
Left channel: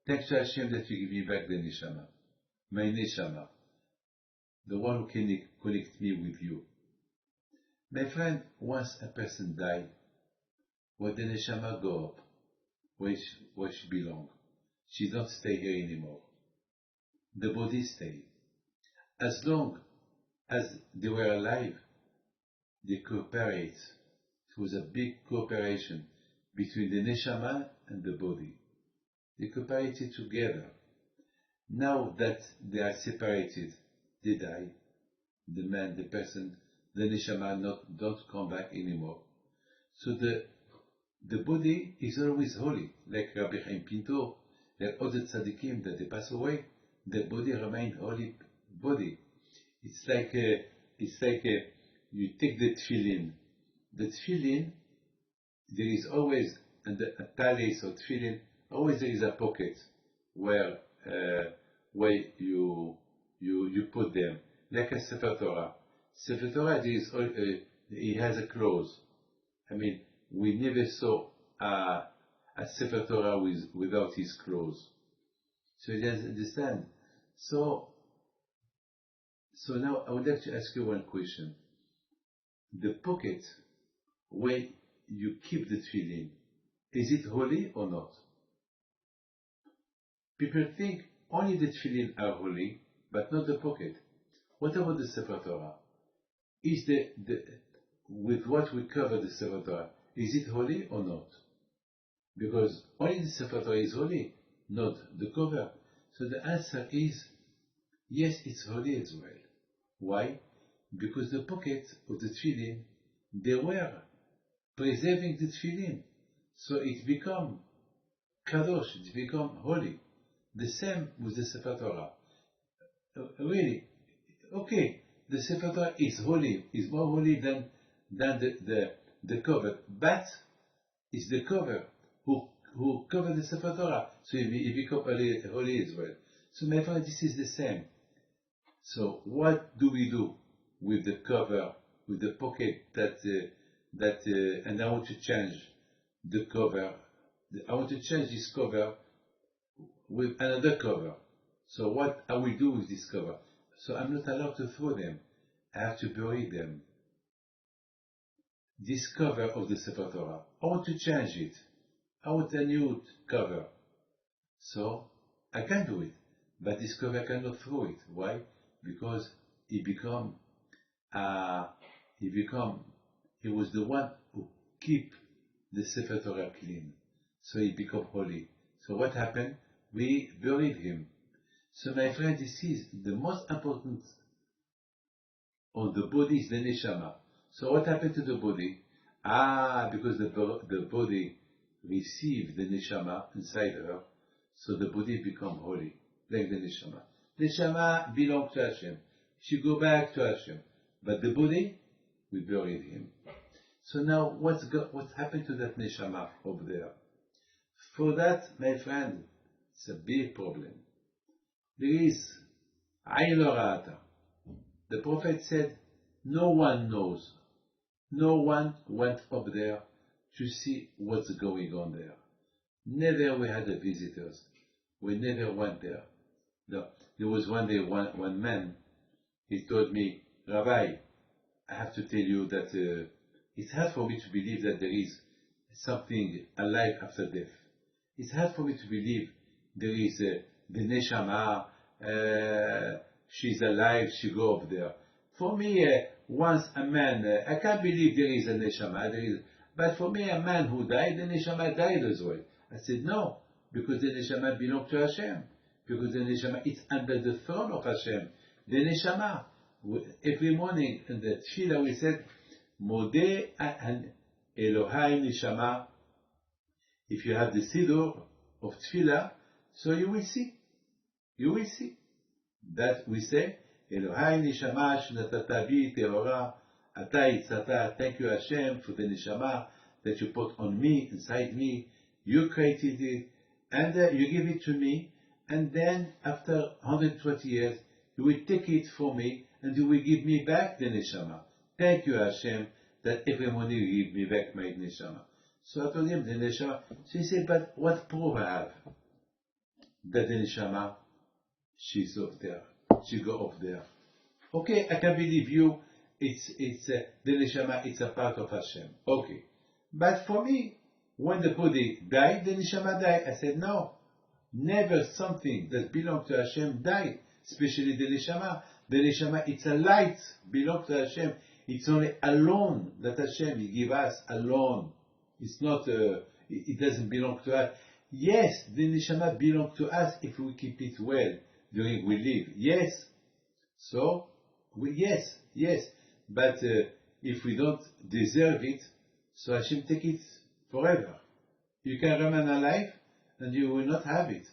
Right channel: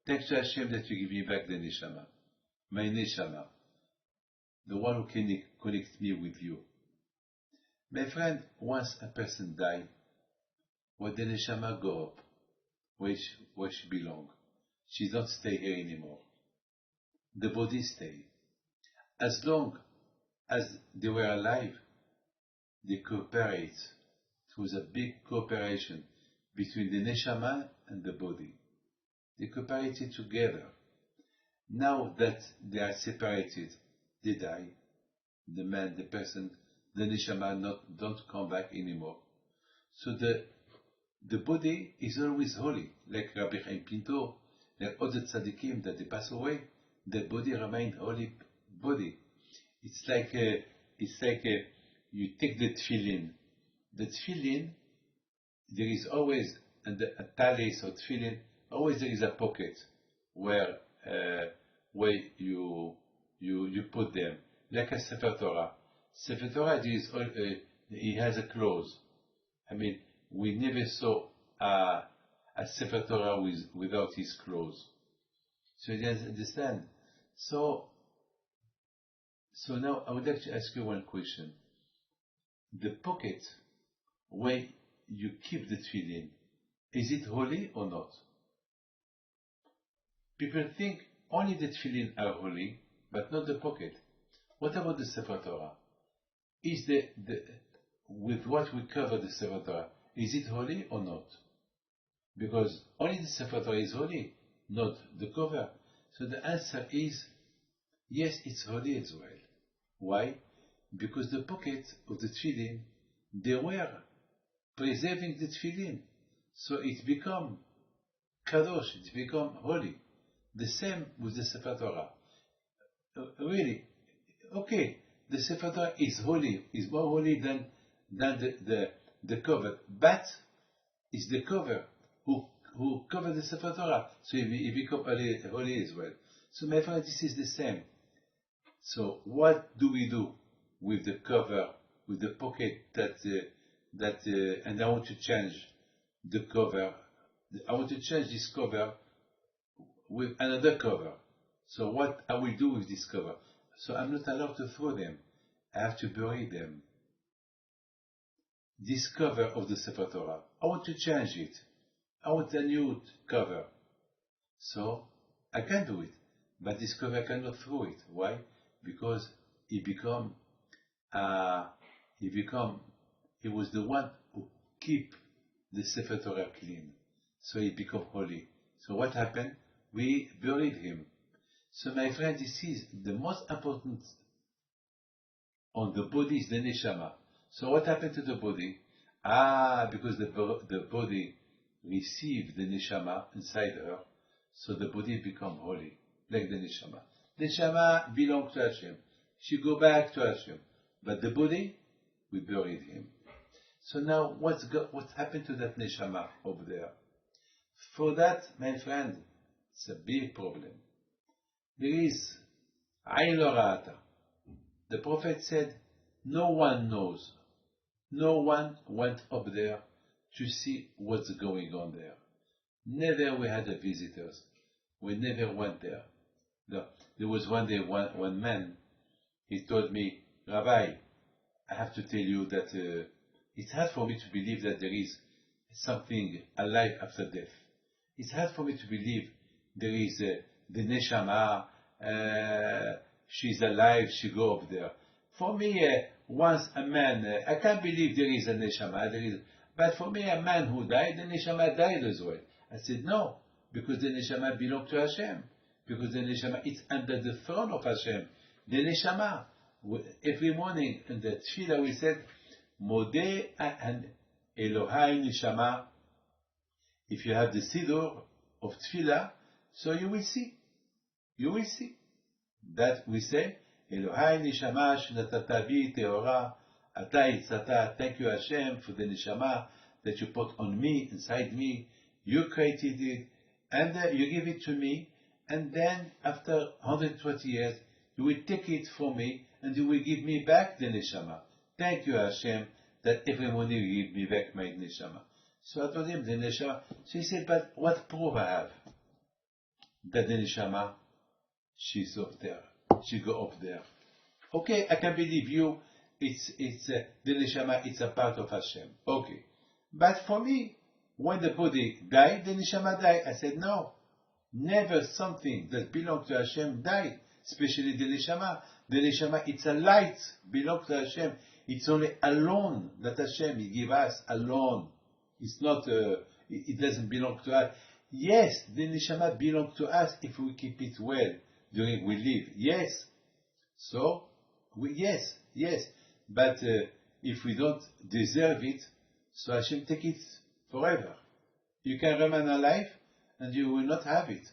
Thanks to Hashem that you give me back the neshama, my neshama, the one who can connect me with you. My friend, once a person die, when the neshama go up, where she belong, she don't stay here anymore. The body stay. As long as they were alive, they cooperate. It was a big cooperation between the neshama and the body. They cooperated together. Now that they are separated, they die. The man, the person, the neshama don't come back anymore. So the body is always holy, like Rabbi Chaim Pinto, like other tzaddikim that they pass away. The body remains holy body. It's like you take the tefillin. The tefillin, there is always, and the talis or tefillin, always there is a pocket where you put them, like a Sefer Torah. Sefer Torah he has a close. I mean, we never saw a Sefer Torah without his clothes. So you understand? So now I would like to ask you one question. The pocket where you keep the tefillin, is it holy or not? People think only the tefillin are holy, but not the pocket. What about the Sefer Torah? Is with what we cover the Sefer Torah, is it holy or not? Because only the Sefer Torah is holy, not the cover. So the answer is, yes, it's holy as well. Why? Because the pocket of the tefillin, they were preserving the tefillin. So it become kadosh, it become holy. The same with the Sefer Torah. Really, okay, the Sefer Torah is holy, is more holy than the cover, but it's the cover who cover the Sefer Torah, so it become holy as well. So my friend, this is the same. So what do we do with the cover, with the pocket and I want to change the cover. I want to change this cover with another cover. So what I will do with this cover? So I'm not allowed to throw them. I have to bury them. This cover of the Sefer Torah, I want to change it. I want a new cover. So I can do it. But this cover I cannot throw it. Why? Because he was the one who keep the Sefer Torah clean. So he become holy. So what happened? We buried him. So my friend, this is the most important on the body is the neshama. So what happened to the body? Because the body received the neshama inside her, so the body become holy, like the neshama. Neshama belongs to Hashem. She go back to Hashem. But the body, we buried him. So now, what happened to that neshama over there? For that, my friend, it's a big problem. There is Ain Lo Ra'ata. The Prophet said, no one knows. No one went up there to see what's going on there. Never we had the visitors. We never went there. No. There was one day, one man, he told me, Rabbi, I have to tell you that it's hard for me to believe that there is something alive after death. It's hard for me to believe there is the neshama, she's alive, she go up there. For me, once a man, I can't believe there is a neshama, but for me, a man who died, the neshama died as well. I said, no, because the neshama belongs to Hashem. Because the neshama is under the throne of Hashem. The neshama, every morning in the tefillah we said, Modeh and Elohai neshama. If you have the siddur of tefillah, so you will see. You will see. That we say, Elohai neshama shnatata bi Devorah, ata itzata. Thank you Hashem for the neshama that you put on me, inside me. You created it, and you give it to me, and then after 120 years, you will take it from me, and you will give me back the neshama. Thank you Hashem that every morning you give me back my neshama. So I told him the neshama. So he said, but what proof I have that the neshama, she's up there, she go up there. Okay, I can believe you. It's the neshama. It's a part of Hashem. Okay, but for me, when the body died, the neshama died. I said no, never something that belongs to Hashem died. Especially the neshama. The neshama, it's a light, belongs to Hashem. It's only alone that Hashem He give us alone. It's not. It doesn't belong to us. Yes, the neshama belongs to us if we keep it well during we live. Yes. So, yes. But if we don't deserve it, so Hashem take it forever. You can remain alive and you will not have it.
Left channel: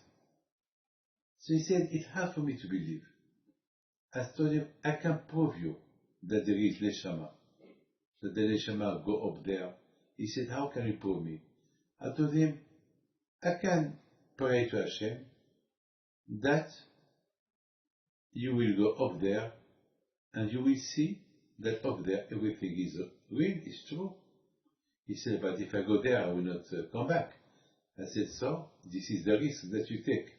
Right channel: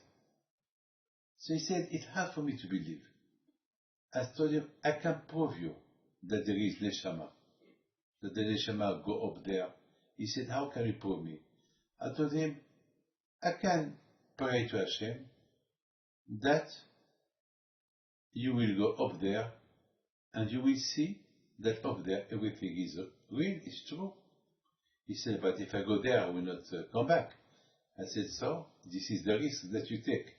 So he said, it's hard for me to believe. I told him, I can prove you that there is neshama, that the neshama go up there. He said, how can you prove me? I told him, I can pray to Hashem that you will go up there and you will see that up there everything is real, is true. He said, but if I go there, I will not come back. I said, so this is the risk that you take.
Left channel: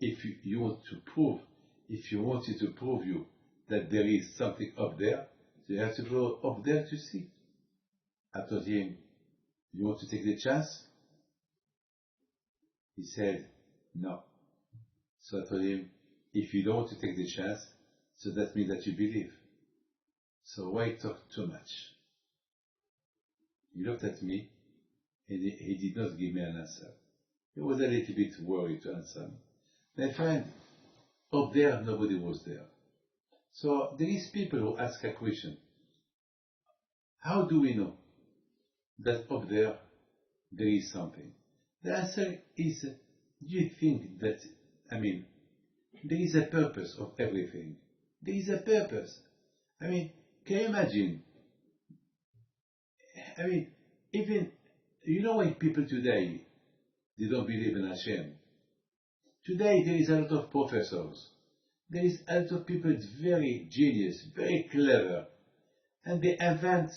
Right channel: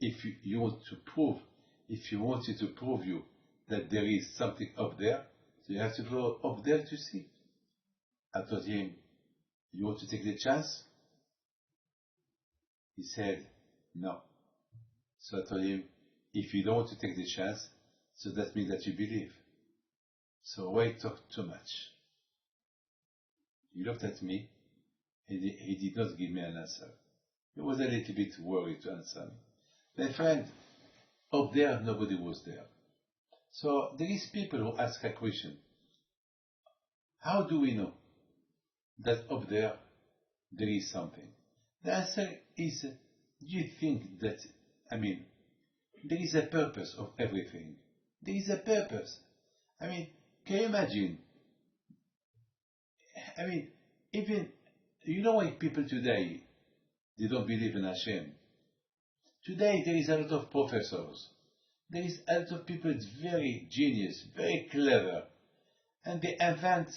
If you want to prove, if you wanted to prove you that there is something up there, so you have to go up there to see. I told him, you want to take the chance? He said, no. So I told him, if you don't want to take the chance, so that means that you believe. So why talk too much? He looked at me, and he did not give me an answer. He was a little bit worried to answer me. My friend, up there, nobody was there. So there is people who ask a question. How do we know that up there is something? The answer is, do you think that, there is a purpose of everything. There is a purpose. Can you imagine? Even, why people today, they don't believe in Hashem. Today there is a lot of professors. There is a lot of people that's very genius, very clever. And they invent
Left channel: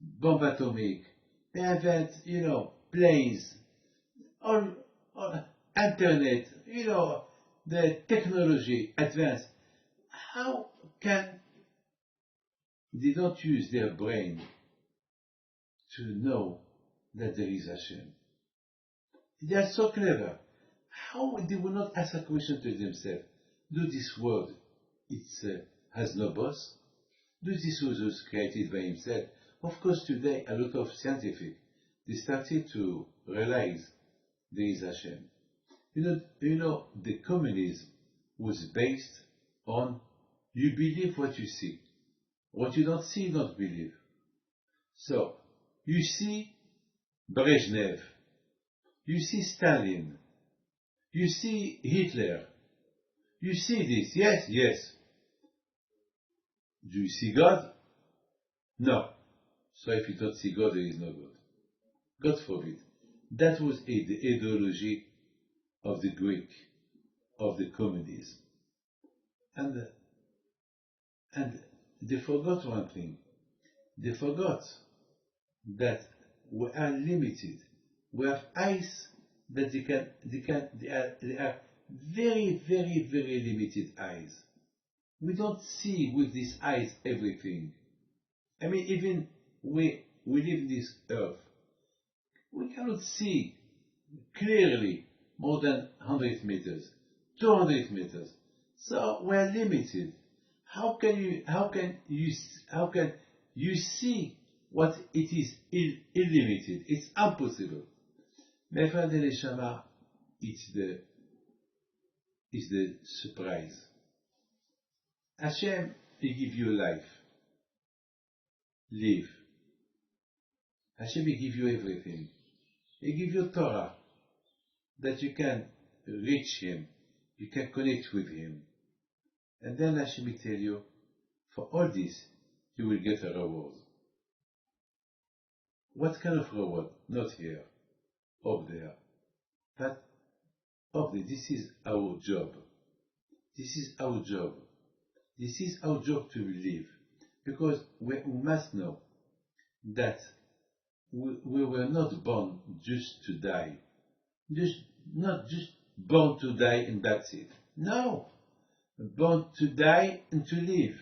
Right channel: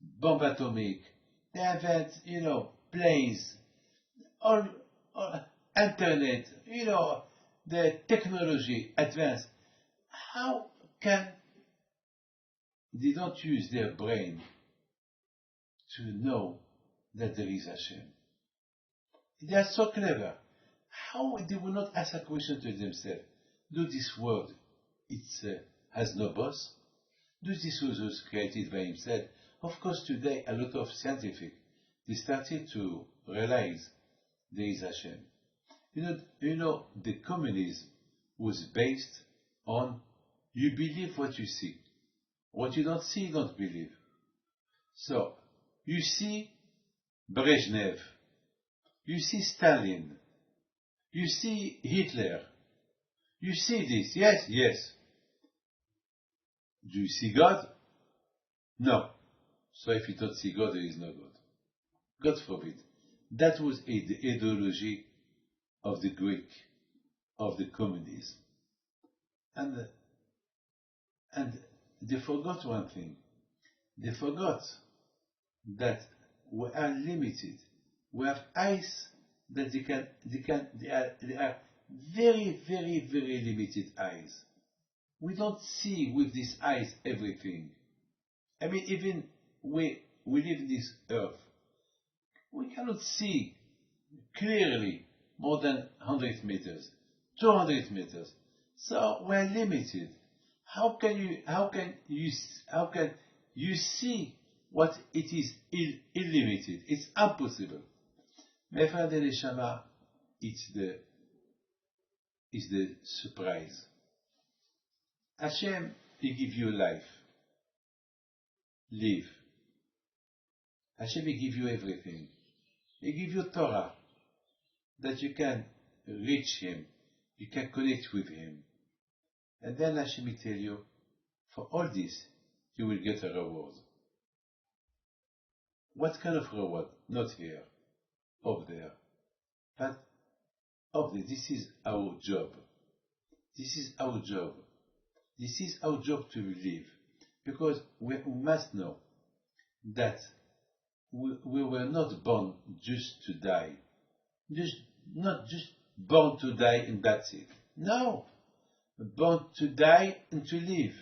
bomb atomic. They invent, planes, or internet, the technology advanced. How can they don't use their brain to know that there is Hashem? They are so clever. How they will not ask a question to themselves? Do this world, has no boss? Do this was created by himself? Of course, today a lot of scientific, they started to realize there is Hashem. The communism was based on you believe what you see. What you don't see, you don't believe. So, you see Brezhnev, you see Stalin, you see Hitler, you see this, yes. Do you see God? No. So if you don't see God, there is no God. God forbid. That was the ideology of the Greek, of the communism. And they forgot one thing. They forgot that we are limited. We have eyes that they are very, very, very limited eyes. We don't see with these eyes everything. Even we live in this earth. We cannot see clearly more than 100 meters, 200 meters. So we're limited. How can you see what it is unlimited? It's impossible. My friend and Neshama, it's the surprise. Hashem, He give you life. Live. Hashem, He give you everything. He give you Torah, that you can reach Him, you can connect with Him. And then Hashem will tell you, for all this, you will get a reward. What kind of reward? Not here, up there. But up there, this is our job. This is our job. This is our job to live. Because we must know that we were not born just to die. Not just born to die and that's it. No. Born to die and to live.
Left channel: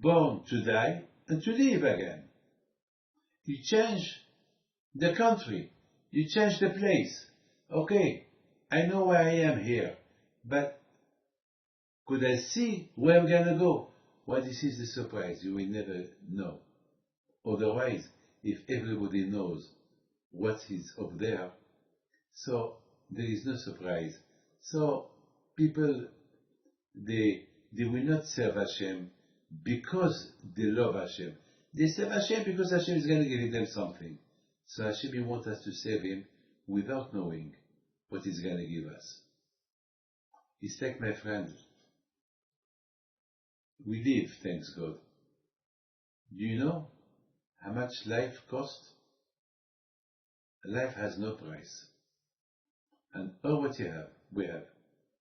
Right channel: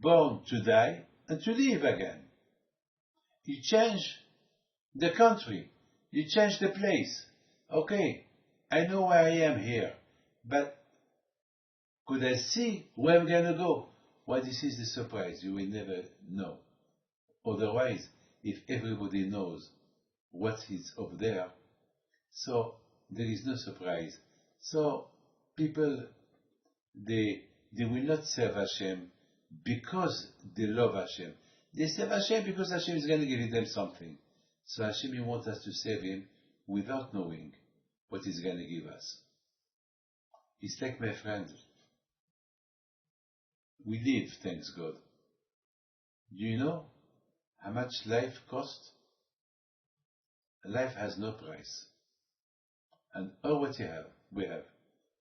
Born to die and to live again. You change the country. You change the place. Okay, I know where I am here, but could I see where I'm going to go? Well, this is the surprise. You will never know. Otherwise, if everybody knows what is up there, so there is no surprise. So people, they will not serve Hashem because they love Hashem. They serve Hashem because Hashem is going to give them something. So Hashem wants us to serve Him without knowing what He's going to give us. It's like, my friend, we live, thanks God. Do you know how much life costs? Life has no price. And all what we have,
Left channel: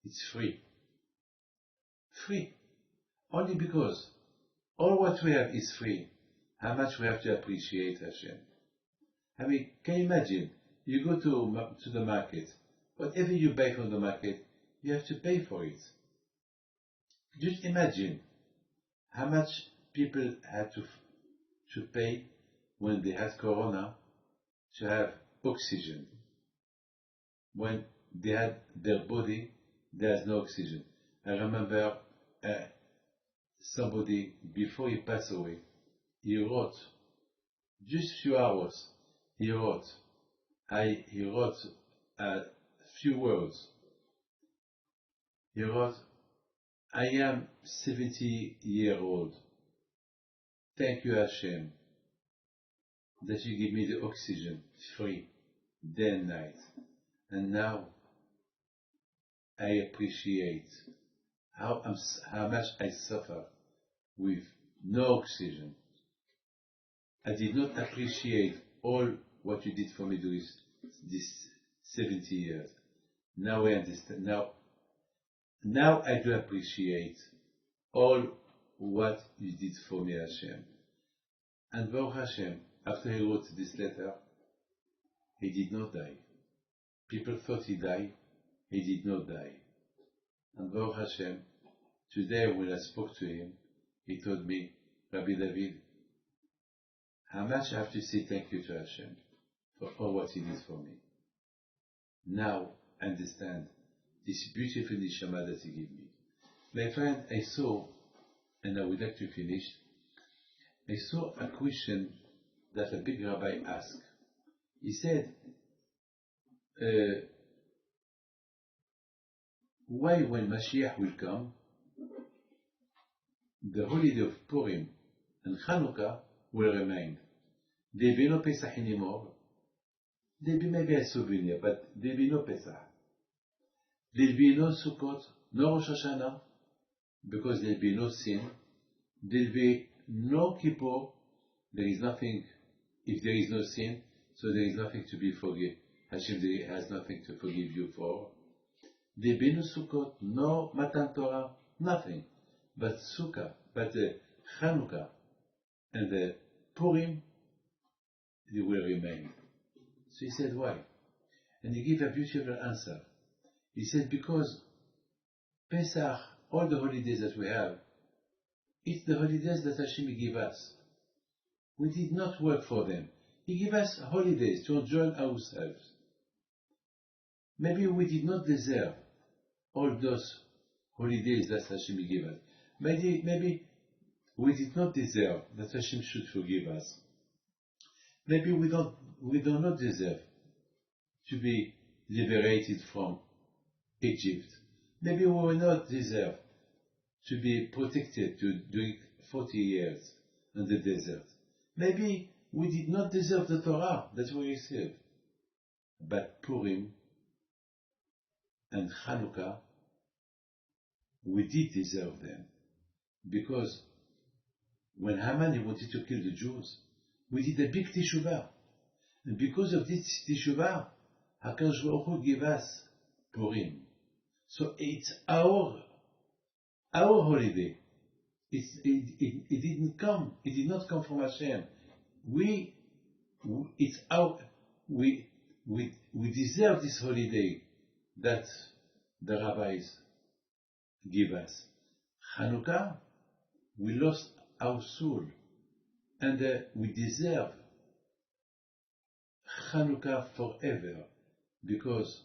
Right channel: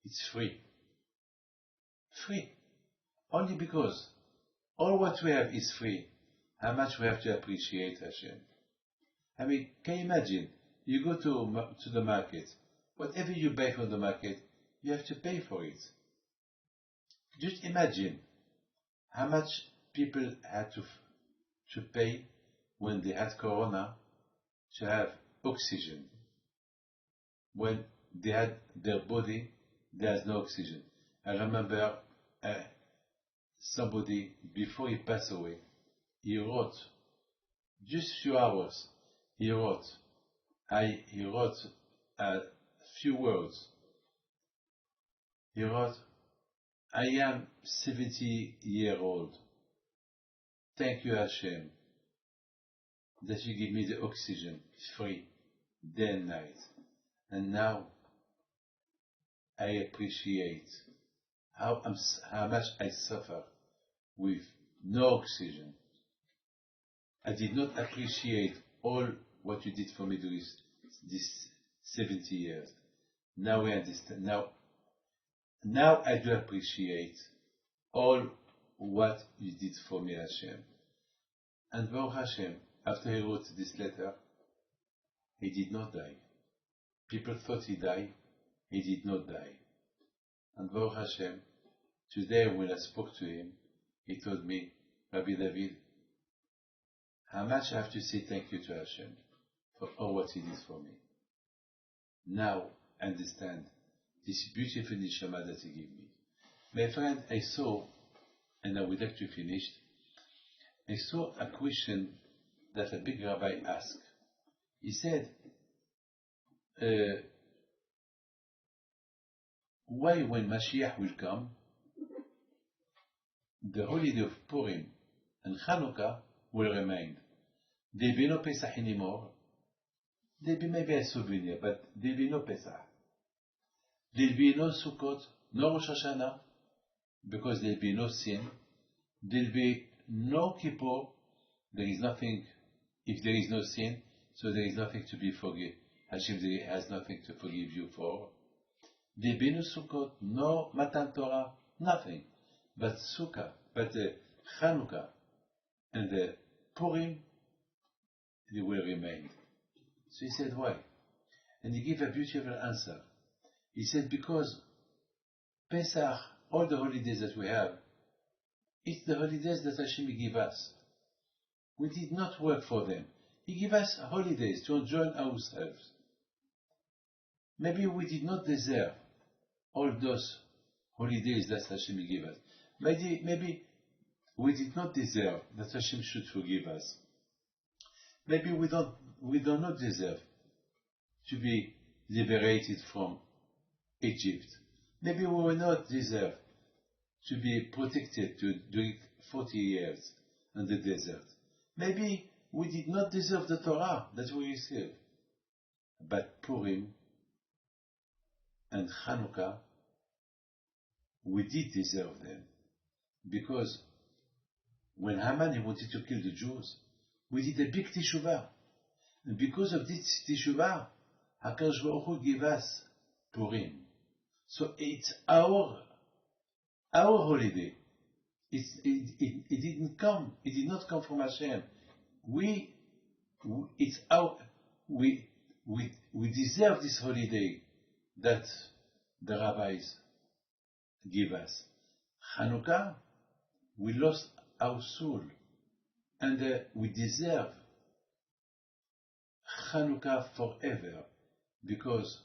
it's free. Free. Only because all what we have is free. How much we have to appreciate Hashem. I mean, can you imagine? You go to the market. Whatever you buy from the market, you have to pay for it. Just imagine how much people had to pay when they had corona to have oxygen. When they had their body, there's no oxygen. I remember somebody, before he passed away, he wrote, just few hours, he wrote a few words. He wrote, I am 70-year-old. Thank you, Hashem, that you give me the oxygen free, day and night. And now I appreciate how much I suffer with no oxygen. I did not appreciate all what you did for me during this 70 years. Now I understand. Now I do appreciate all what you did for me, Hashem. And Baruch Hashem, after he wrote this letter, he did not die. People thought he died. He did not die. And Baruch Hashem, today when I spoke to him, he told me, Rabbi David, how much I have to say thank you to Hashem for all what He did for me. Now I understand this beautiful neshama that He gave me. My friend, I saw, and I would like to finish, I saw a question that a big rabbi asked. He said, why when Mashiach will come, the holiday of Purim and Chanukah will remain. There will be no Pesach anymore. There will be maybe a souvenir, but there will be no Pesach. There will be no Sukkot, no Rosh Hashanah, because there will be no sin. There will be no Kippur. There is nothing, if there is no sin, so there is nothing to be forgiven. Hashem has nothing to forgive you for. There will be no Sukkot, no Matan Torah, nothing. But Chanukah and the Purim, they will remain. So he said, why? And he gave a beautiful answer. He said, because Pesach, all the holidays that we have, it's the holidays that Hashem gave us. We did not work for them. He gave us holidays to enjoy ourselves. Maybe we did not deserve all those holidays that Hashem gave us. Maybe we did not deserve that Hashem should forgive us. Maybe we do not deserve to be liberated from Egypt. Maybe we will not deserve to be protected to do 40 years in the desert. Maybe we did not deserve the Torah that we received. But Purim and Chanukah, we did deserve them. Because when Haman wanted to kill the Jews, we did a big teshuvah. And because of this teshuvah, HaKadosh Baruch Hu gave us Purim. So it's our holiday. It did not come from Hashem. We deserve this holiday that the rabbis give us. Chanukah, we lost our soul, and we deserve Chanukah forever, because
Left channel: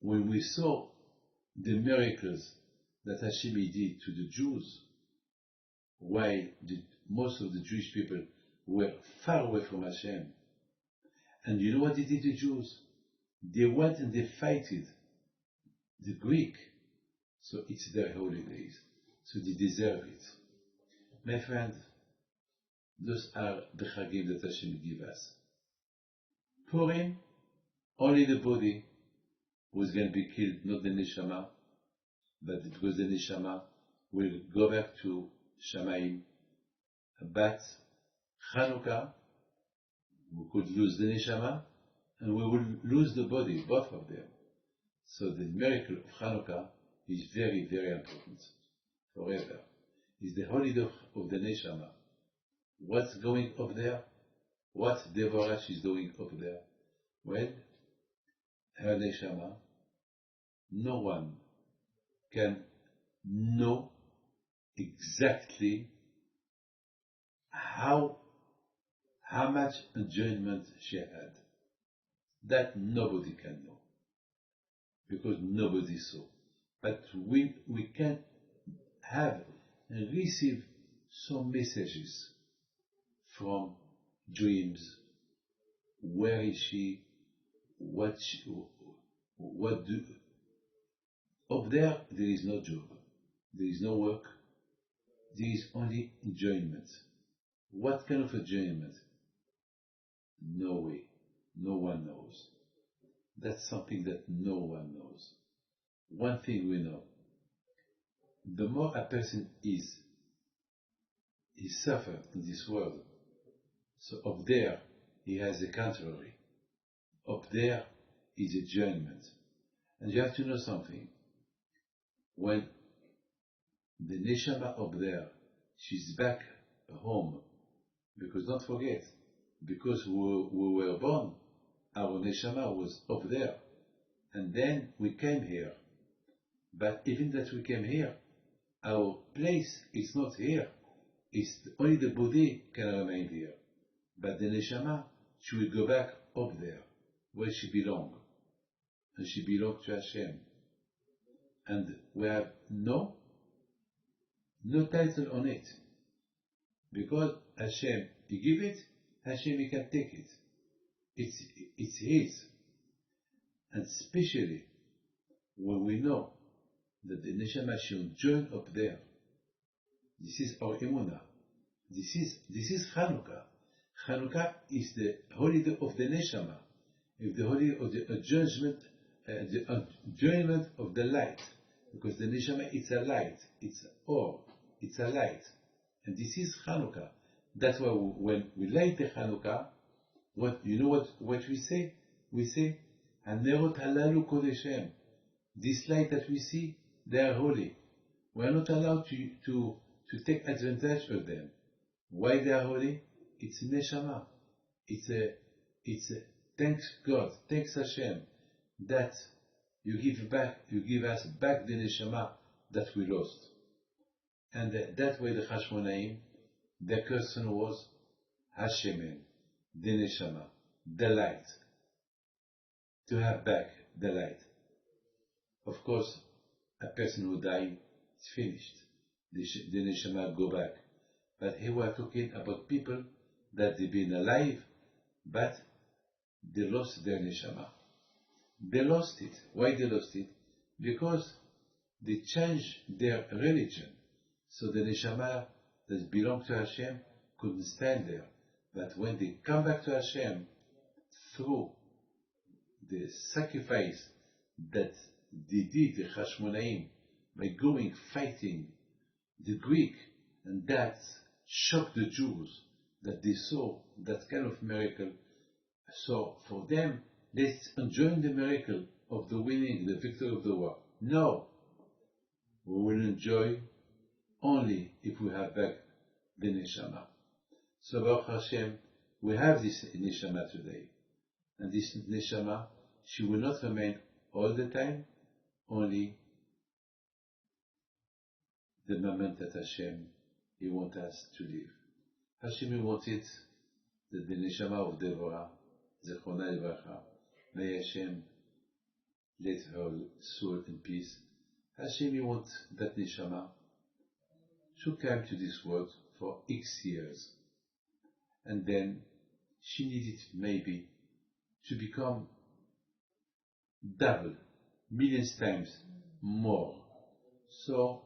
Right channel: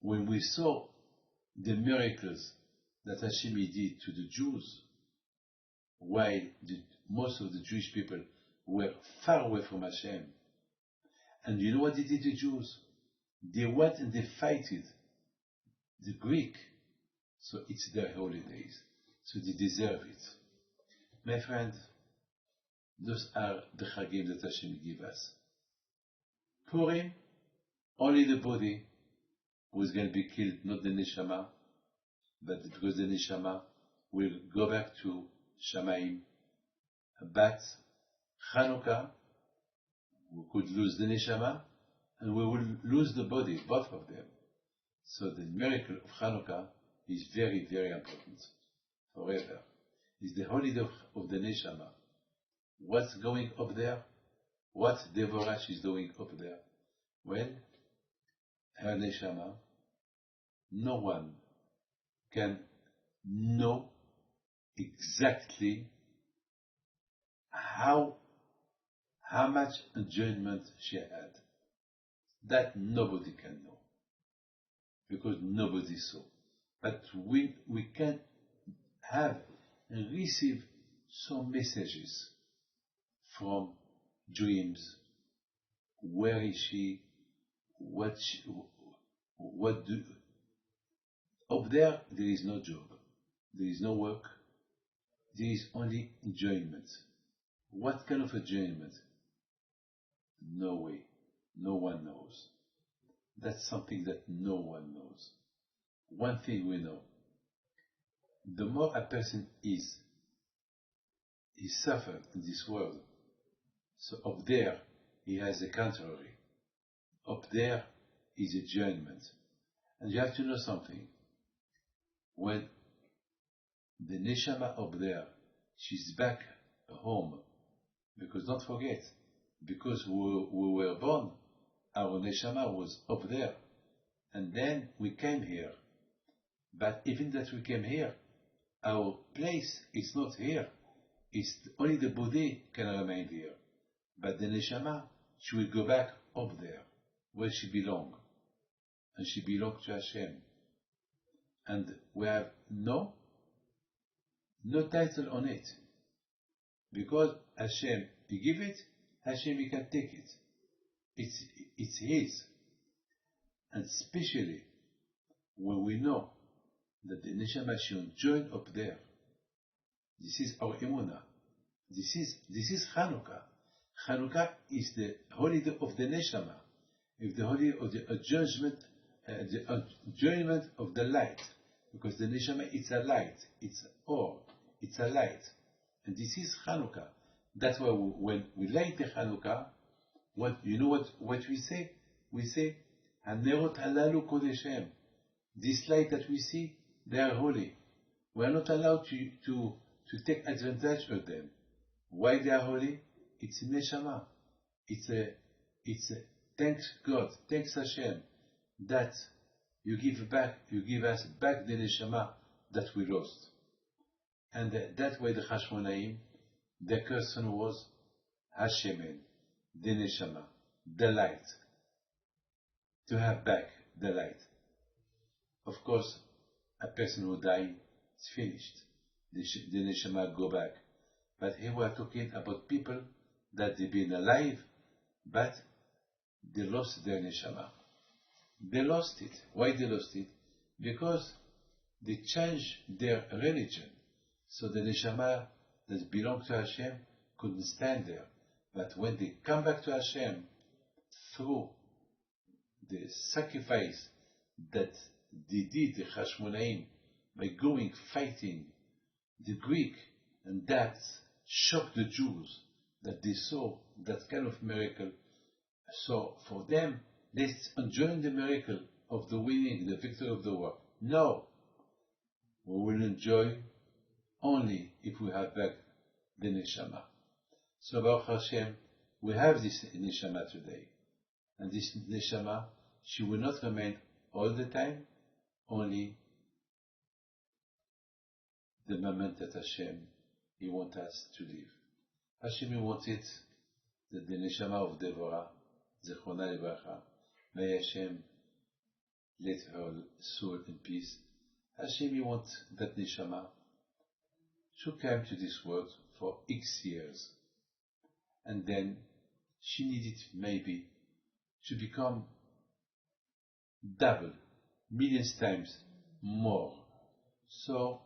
when we saw the miracles that Hashem did to the Jews, while most of the Jewish people were far away from Hashem, and you know what they did to the Jews? They went and they fighted the Greek, so it's their holidays, so they deserve it. My friend, those are the Chagim that Hashem give us. Purim, only the body was going to be killed, not the neshama, but because the neshama will go back to Shamayim. But Chanukah, we could lose the neshama, and we will lose the body, both of them. So the miracle of Chanukah is very, very important, forever. It's the holiday of the neshama. What's going up there? What Devorah is doing up there? Well, her neshama, no one can know exactly how much enjoyment she had. That nobody can know, because nobody saw. But we can have and receive some messages from dreams. Where is she? Up there is no job, there is no work, there is only enjoyment. What kind of enjoyment? No way, no one knows. That's something that no one knows. One thing we know: the more a person is suffered in this world, so up there he has the contrary. Up there is enjoyment. And you have to know something. When the neshama up there, she's back home, because don't forget, because we were born, our neshama was up there, and then we came here. But even that we came here, our place is not here. It's only the body can remain here. But the neshama, she will go back up there, where she belongs. And she belongs to Hashem. And we have no title on it. Because Hashem, He give it, Hashem, He can take it. It's His. And especially when we know that the neshama should join up there. This is our emunah. This is Chanukah. Chanukah is the holiday of the neshama. It's the holiday of the enjoyment of the light. Because the neshama, it's a light. It's or. It's a light. And this is Chanukah. That's why when we light the Chanukah, what we say? We say, Hanerot halalu kodeshem. This light that we see, they are holy. We are not allowed to take advantage of them. Why they are holy? It's neshama. It's a thanks God, thanks Hashem, that you give us back the neshama that we lost. And that way the Chashmonaim, their question was, Hashemen, the Neshama, the light, to have back the light. Of course, a person who died is finished. The Neshama go back. But here we are talking about people that they've been alive, but they lost their Neshama. They lost it. Why they lost it? Because they changed their religion. So the Neshama that belonged to Hashem couldn't stand there. But when they come back to Hashem through the sacrifice that they did, the Hashmonaim, by going fighting the Greek, and that shocked the Jews that they saw that kind of miracle. So for them, let's enjoy the miracle of the winning, the victory of the war. No, we will enjoy only if we have back the Neshama. So Baruch Hashem, we have this Neshama today. And this Neshama, she will not remain all the time, only the moment that Hashem, He wants us to live. Hashem, He wanted that the Neshama of Devorah, Zechrona Livracha, may Hashem let her soul in peace. Hashem, He wants that Neshama to come to this world for X years. And then she needed maybe to become double, millions times more. So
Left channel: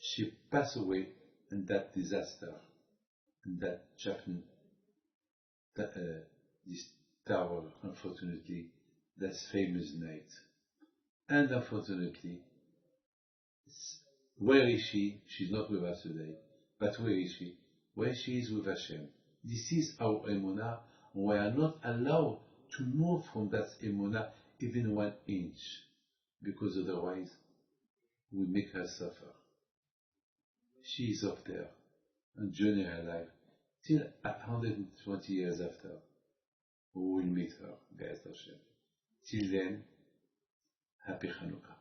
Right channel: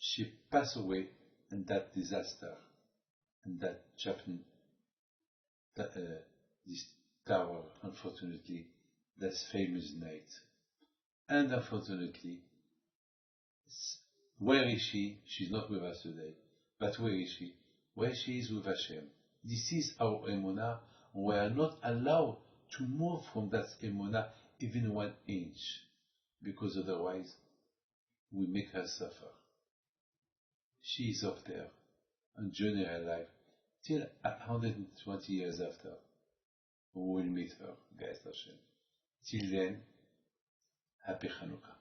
she passed away in that disaster, in that Japan, this tower, unfortunately, that famous night. And unfortunately, where is she? She's not with us today. But where is she? Where she is with Hashem. This is our emunah. We are not allowed to move from that emunah even 1 inch, because otherwise we make her suffer. She is up there, enjoying her life, till 120 years after. We will meet her, Be'ez Hashem. Till then, happy Chanukah.